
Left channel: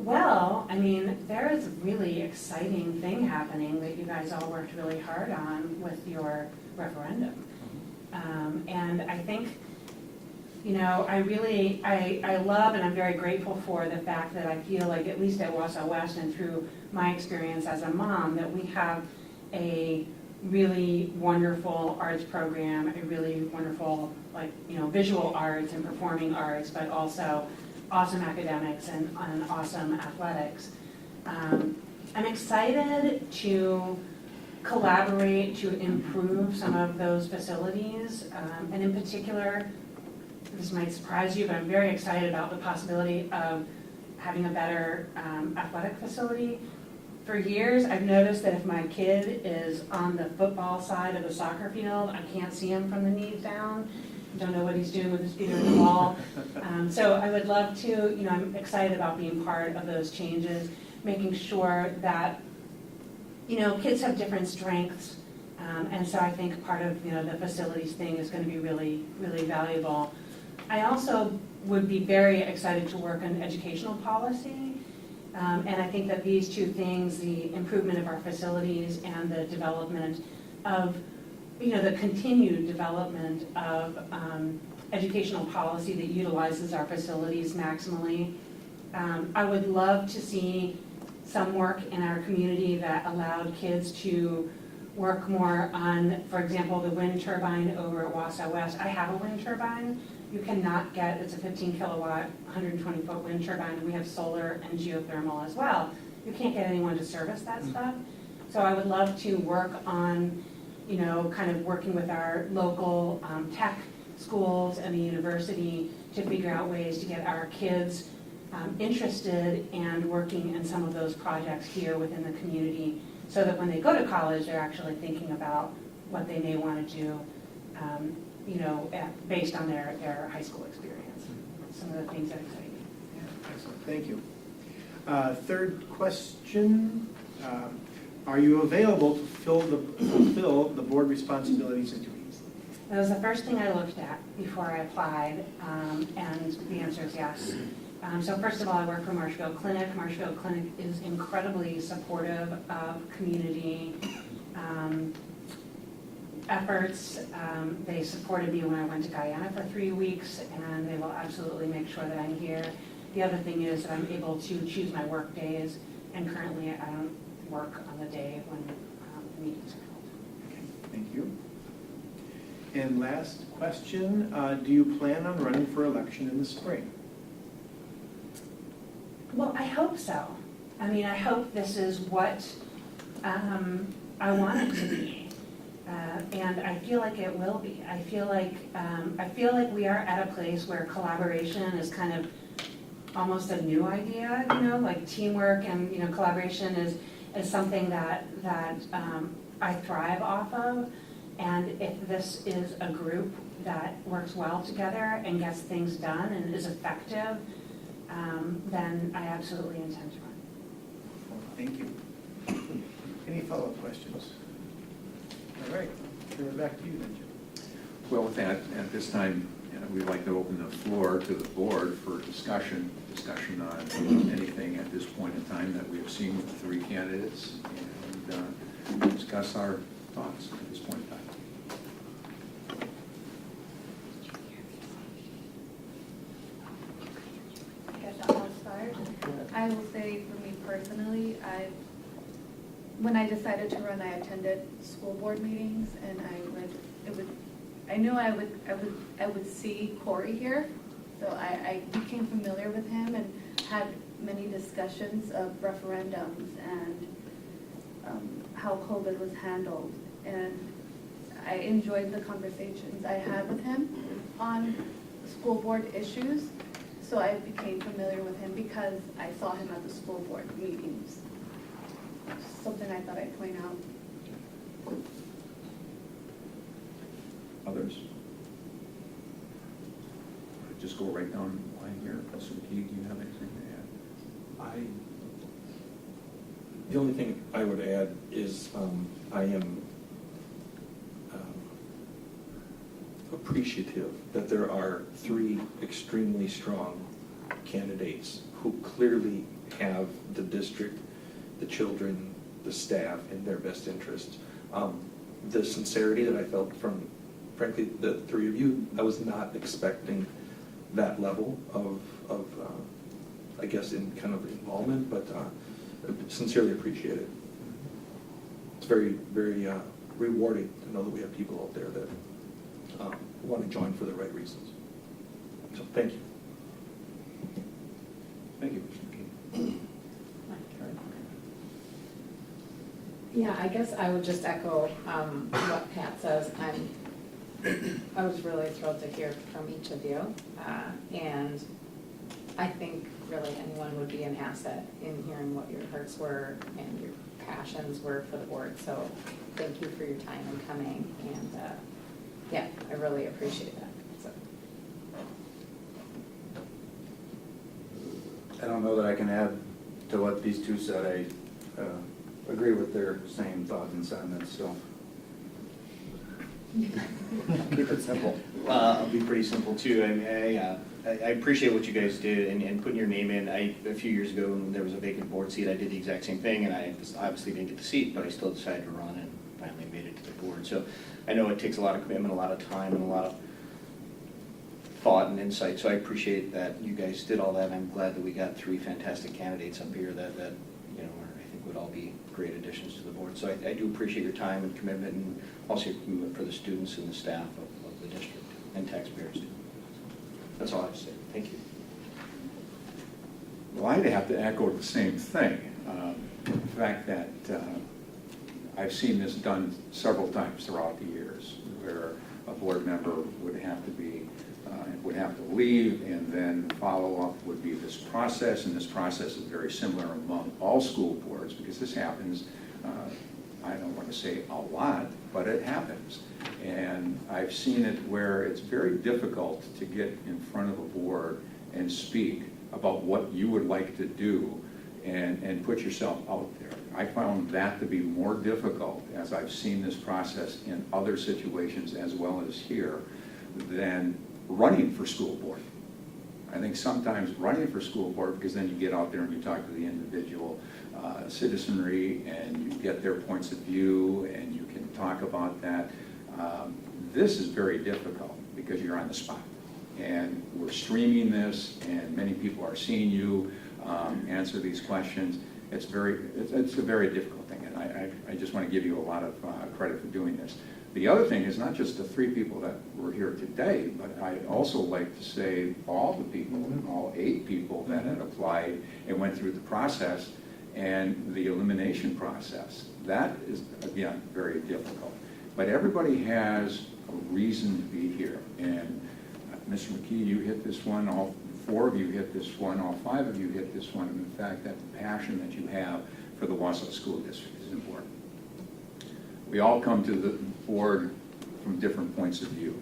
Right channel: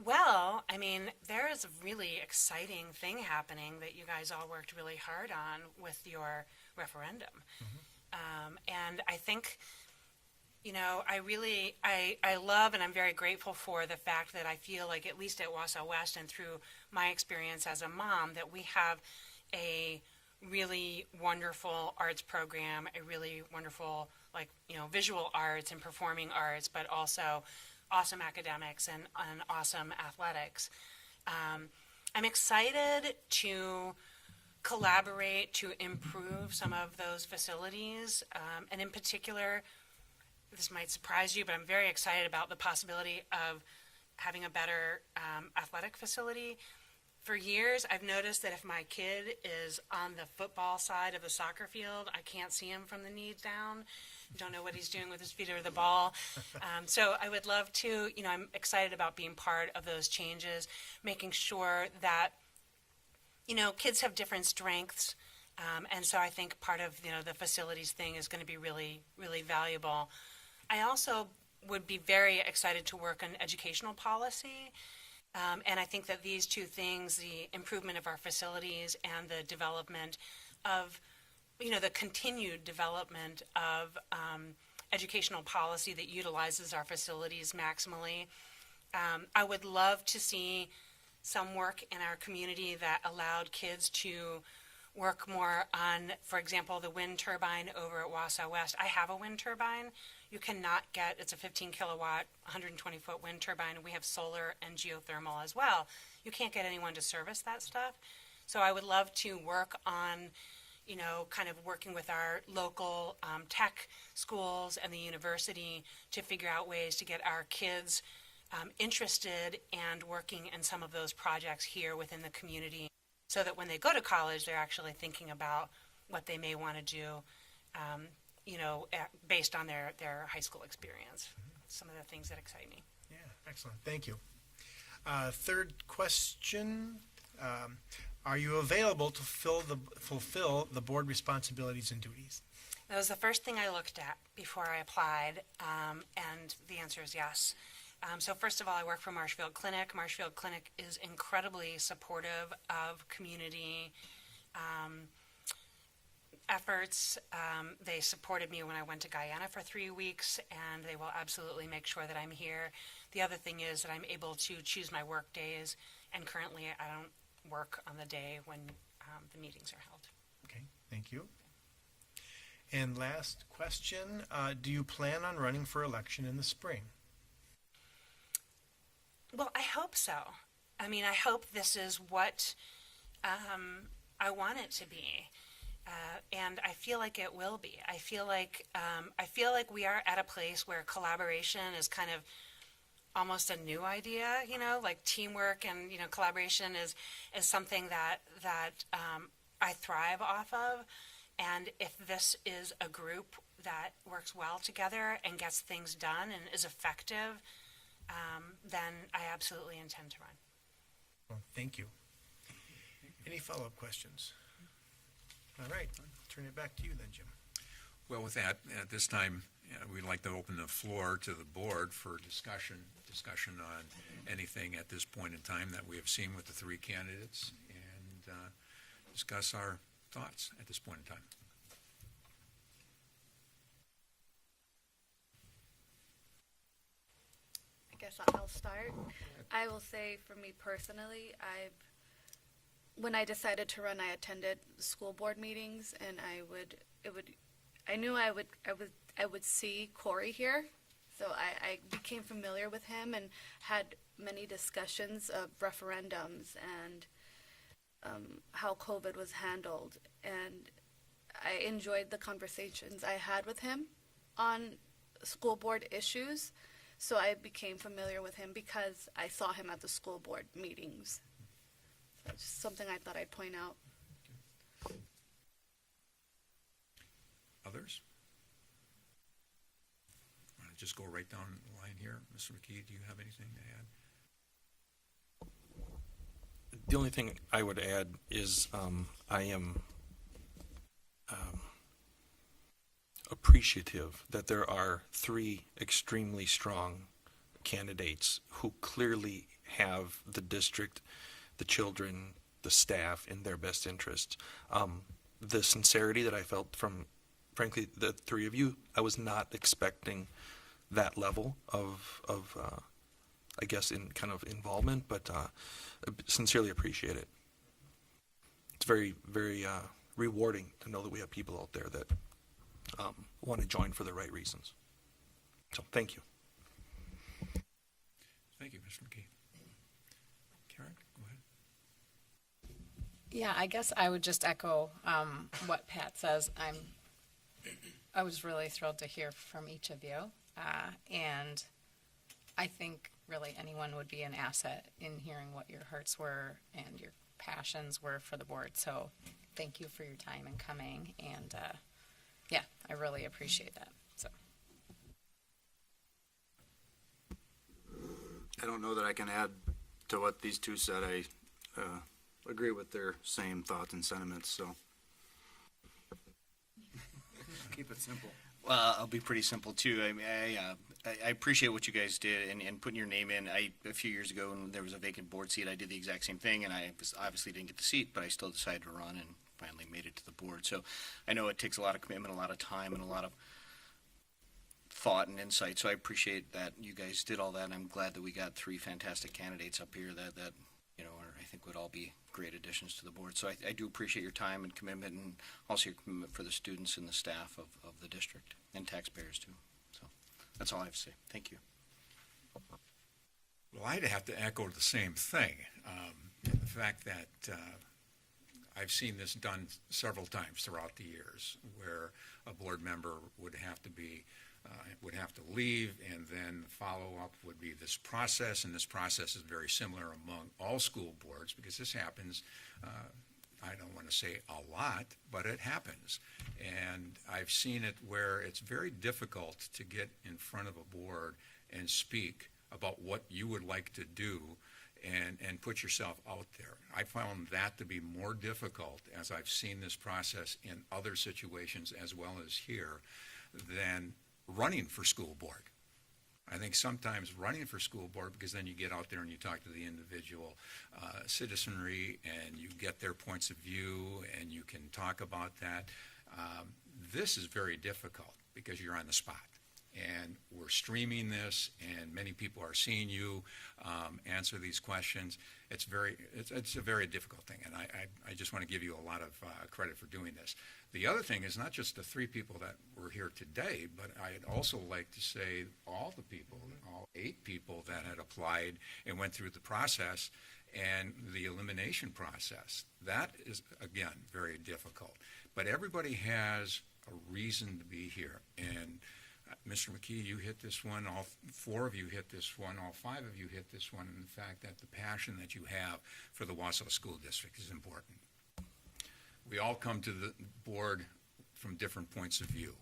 Well, I mean, there is a really exciting thing happening that you guys all worked really hard on with your referendum. And I think, you know, I love and I'm very grateful for the fact that I feel like, at least at Wausau West and through my experience as a mom, that we have a really wonderful arts program, a really wonderful, like, you know, visual arts and performing arts, but also awesome academics and awesome athletics. I'm excited to collaborate to improve some of those facilities, and in particular, this might surprise you, but I'm very excited about the possibility of having a better athletic facility. For years, I've noticed that if my kid is on the football side of the soccer field, I can't see him from the knees down. Don't know what he's doing with his feet or the ball. So I would love to, you know, I'm excited about being part of those changes, making sure that, you know, kids have different strengths. And so I think part of, you know, the facilities thing is going to be really, really valuable. I also would be very excited to work on educational policy. And I think that these two things, the improvement of our facilities and the development of, you know, the continued development of educational policy that utilizes our facilities maximally. I would love to see some work in our community that allowed kids to work more on, for example, the wind turbine over at Wausau West. I have a wind turbine. You cannot get, it's a 15 kilowatt, 120 foot wind turbine. We have solar and geothermal as well. You can't get anyone to service that stuff. So I would love to work on, you know, kind of working with our local tech schools and the university to figure out ways to get our kids interested and working in some of those projects here within the community, so that when they go to college, they're actually thinking about what they may want to do, you know, based on their high school experience. Some of the things that excite me. Yeah, excellent, thank you. Third question, are you available to fulfill the board responsibilities and duties? That was the first thing I looked at before I applied, and the answer is yes. So first of all, I work for Marshfield Clinic. Marshfield Clinic is incredibly supportive of community efforts. They supported me when I went to Guyana for 3 weeks, and they will absolutely make sure that I'm here. The other thing is that I'm able to choose my work days, and currently I don't work on the day when the meetings are held. Okay, thank you. And last question, do you plan on running for election in the spring? Well, I hope so. I mean, I hope this is what I want it to be, and I feel like it will be. I feel like we are at a place where collaboration is kind of almost a new idea. You know, like teamwork and, you know, collaboration is something that I thrive off of. And if this is a group that works well together and gets things done and is effective, then I absolutely intend to run. Well, thank you. Any follow-up questions? All right, turn it back to you then, Jim. Well, with that, at this time, we'd like to open the floor to the board for discussion on anything at this point in time that we've seen with the three candidates, and discuss our thoughts at this point in time. I guess I'll start. I will say for me personally, when I decided to run, I attended school board meetings, and I knew I would see Corey here, so I became familiar with him and had many discussions of referendums and how COVID was handled, and I enjoyed the conversations I had with him on school board issues, so I became familiar with him because I saw him at the school board meetings. Something I thought I'd point out. Others? Just go right down the line here. Mr. McKee, do you have anything to add? The only thing I would add is I am appreciative that there are three extremely strong candidates who clearly have the district, the children, the staff in their best interest. The sincerity that I felt from, frankly, the three of you, I was not expecting that level of I guess, in kind of involvement, but sincerely appreciate it. It's very, very rewarding to know that we have people out there that want to join for the right reasons. So, thank you. Thank you, Mr. McKee. Karen? Yeah, I guess I would just echo what Pat says. I was really thrilled to hear from each of you. And I think really anyone would be an asset in hearing what your hearts were and your passions were for the board. So thank you for your time and coming. And yeah, I really appreciate that. So. I don't know that I can add to what these two said. I agree with their same thoughts and sentiments, so. Keep it simple. Well, I'll be pretty simple too. I mean, I appreciate what you guys did and putting your name in. A few years ago, when there was a vacant board seat, I did the exact same thing, and I obviously didn't get the seat, but I still decided to run and finally made it to the board. So I know it takes a lot of commitment, a lot of time, and a lot of thought and insight. So I appreciate that you guys did all that. And I'm glad that we got three fantastic candidates up here that you know I think would all be great additions to the board. So I do appreciate your time and commitment, and also your commitment for the students and the staff of the district and taxpayers too. So that's all I have to say. Thank you. Well, I'd have to echo the same thing. The fact that I've seen this done several times throughout the years, where a board member would have to leave, and then follow-up would be this process, and this process is very similar among all school boards, because this happens, I don't want to say a lot, but it happens. And I've seen it where it's very difficult to get in front of a board and speak about what you would like to do and put yourself out there. I found that to be more difficult as I've seen this process in other situations as well as here than running for school board. I think sometimes running for school board, because then you get out there and you talk to the individual citizenry and you get their points of view and you can talk about that. This is very difficult because you're on the spot. And we're streaming this and many people are seeing you answer these questions. It's a very difficult thing, and I just want to give you a lot of credit for doing this. The other thing is not just the three people that were here today, but I'd also like to say all the people, all 8 people that had applied and went through the process and the elimination process. That is, again, very difficult. But everybody has a reason to be here. And Mr. McKee, you hit this one, all 4 of you hit this one, all 5 of you hit this one, and the fact that the passion that you have for the Wausau School District is important. We all come to the board from different points of view.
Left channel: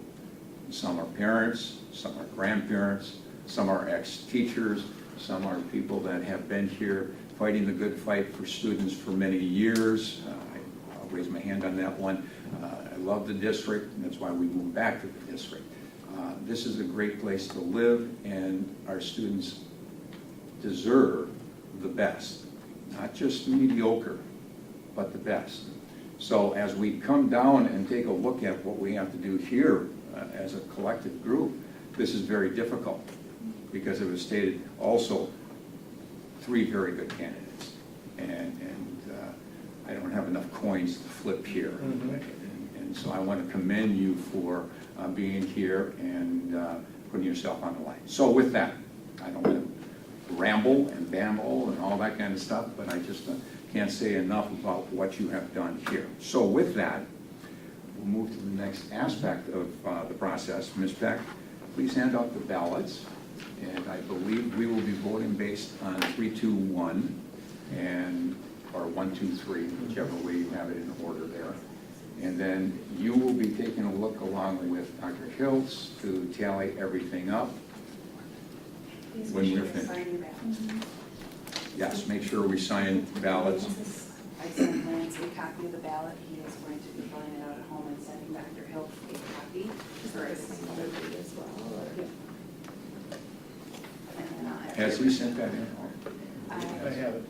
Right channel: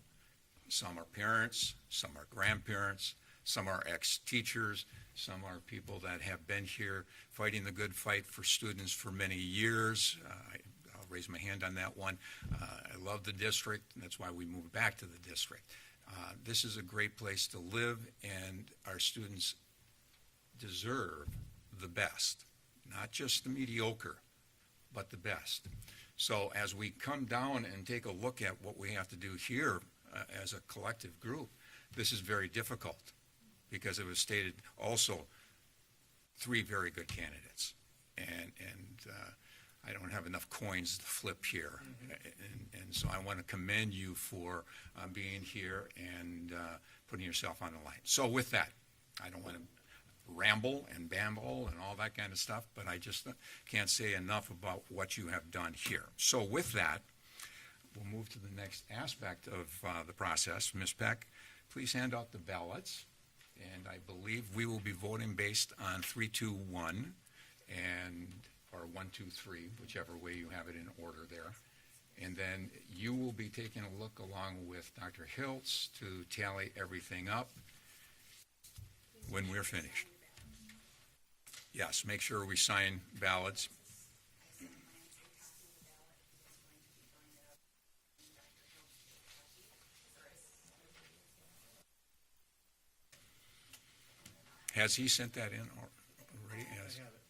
Some are parents, some are grandparents, some are ex-teachers, some are people that have been here fighting the good fight for students for many years. I'll raise my hand on that one. I love the district, and that's why we moved back to the district. This is a great place to live, and our students deserve the best, not just the mediocre, but the best. So as we come down and take a look at what we have to do here as a collective group, this is very difficult because it was stated also 3 very good candidates. And I don't have enough coins to flip here. And so I want to commend you for being here and putting yourself on the line. So with that, I don't want to ramble and bamble and all that kind of stuff, but I just can't say enough about what you have done here. So with that, we'll move to the next aspect of the process. Ms. Peck, please hand out the ballots. And I believe we will be voting based on 3, 2, 1, or 1, 2, 3, whichever way you have it in order there. And then you will be taking a look along with Dr. Hiltz to tally everything up when we're finished. Yes, make sure we sign ballots. I sent Lance a copy of the ballot. He is going to be filling it out at home and sending Dr. Hill a copy for everything as well. And then I'll have Has he sent that in? I have it.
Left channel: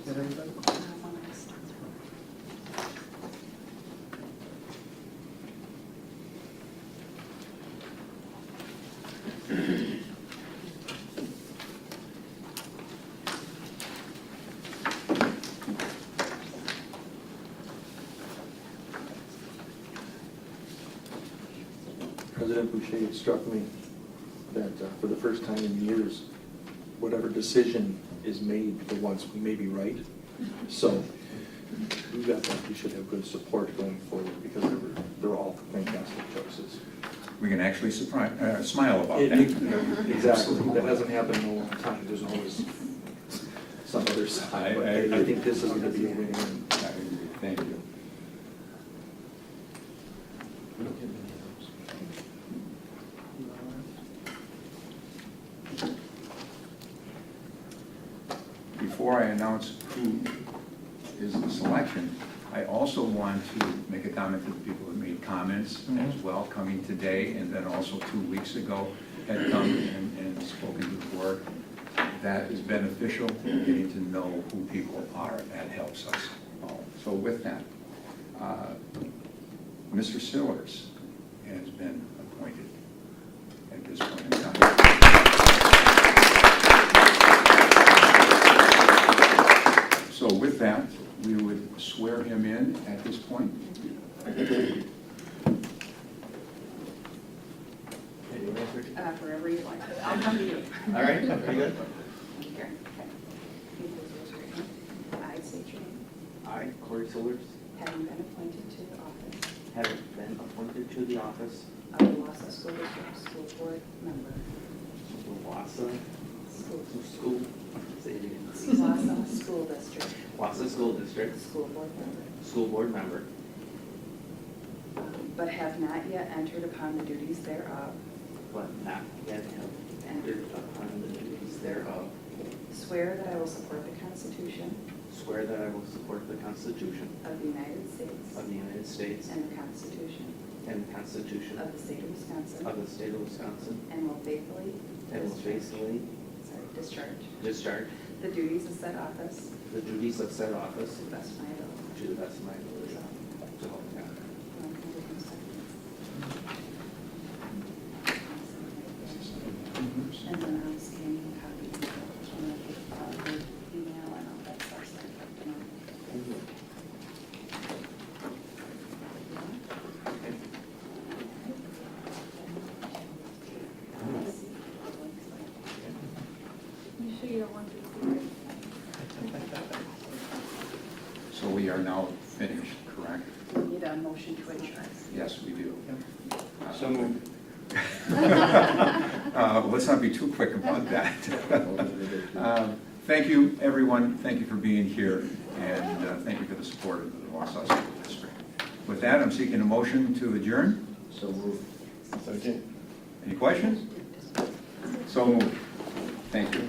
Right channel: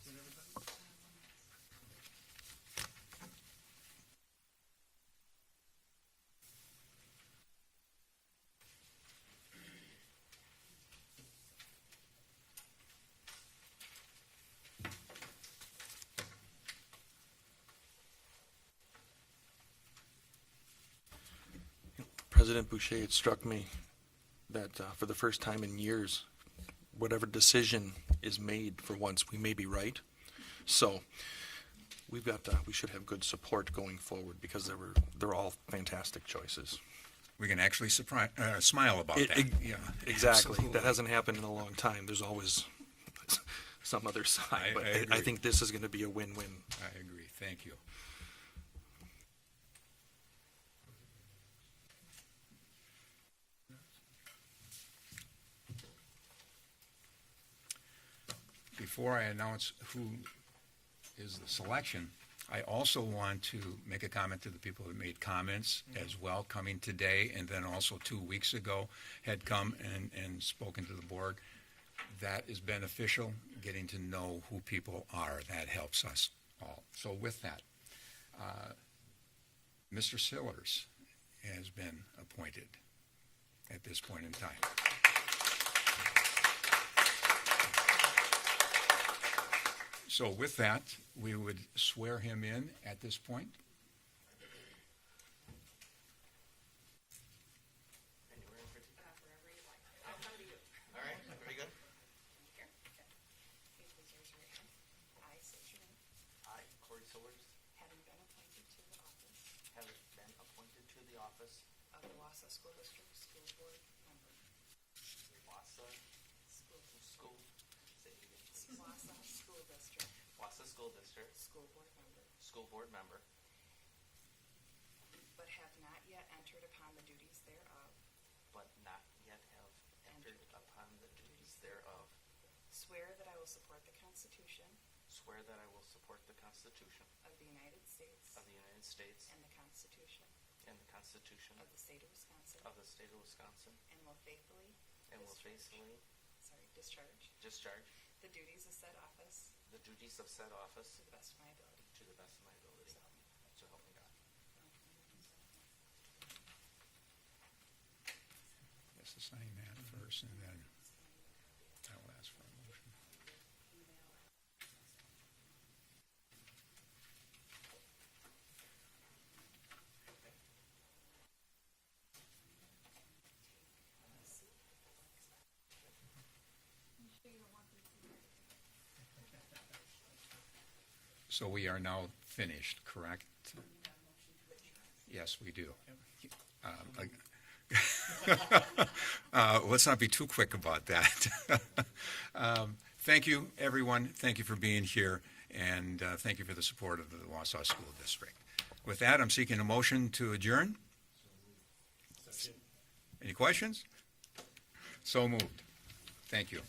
Is that everybody? President Boucher, it struck me that for the first time in years, whatever decision is made for once, we may be right. So we should have good support going forward because they're all fantastic choices. We can actually smile about that. Exactly. That hasn't happened in a long time. There's always some other side, but I think this is going to be a win-win. I agree. Thank you. Before I announce who is the selection, I also want to make a comment to the people who made comments as well, coming today, and then also 2 weeks ago had come and spoken to the board. That is beneficial, getting to know who people are. That helps us all. So with that, Mr. Sillers has been appointed at this point in time. So with that, we would swear him in at this point. Wherever you like. I'll come to you. All right, very good. Here. Okay. You please raise your hand. I state your name. I, Corey Sillers, Having been appointed to the office have been appointed to the office of the Wausau School District School Board member. of the Wausau School. say it again. Wausau School District Wausau School District School Board member. School Board member, But have not yet entered upon the duties thereof. but not yet have entered upon the duties thereof. Swear that I will support the Constitution Swear that I will support the Constitution of the United States of the United States and the Constitution and the Constitution of the State of Wisconsin, of the State of Wisconsin, and will faithfully and will faithfully discharge discharge the duties of said office the duties of said office to the best of my ability. to the best of my ability. So help me God. And then I'll scan you a copy of the email and all that stuff. So, you know. You sure you don't want to see it? So we are now finished, correct? We need a motion to adjourn. Yes, we do. So moved. Let's not be too quick about that. Thank you, everyone. Thank you for being here, and thank you for the support of the Wausau School District. With that, I'm seeking a motion to adjourn. So moved. Any questions? So moved. Thank you.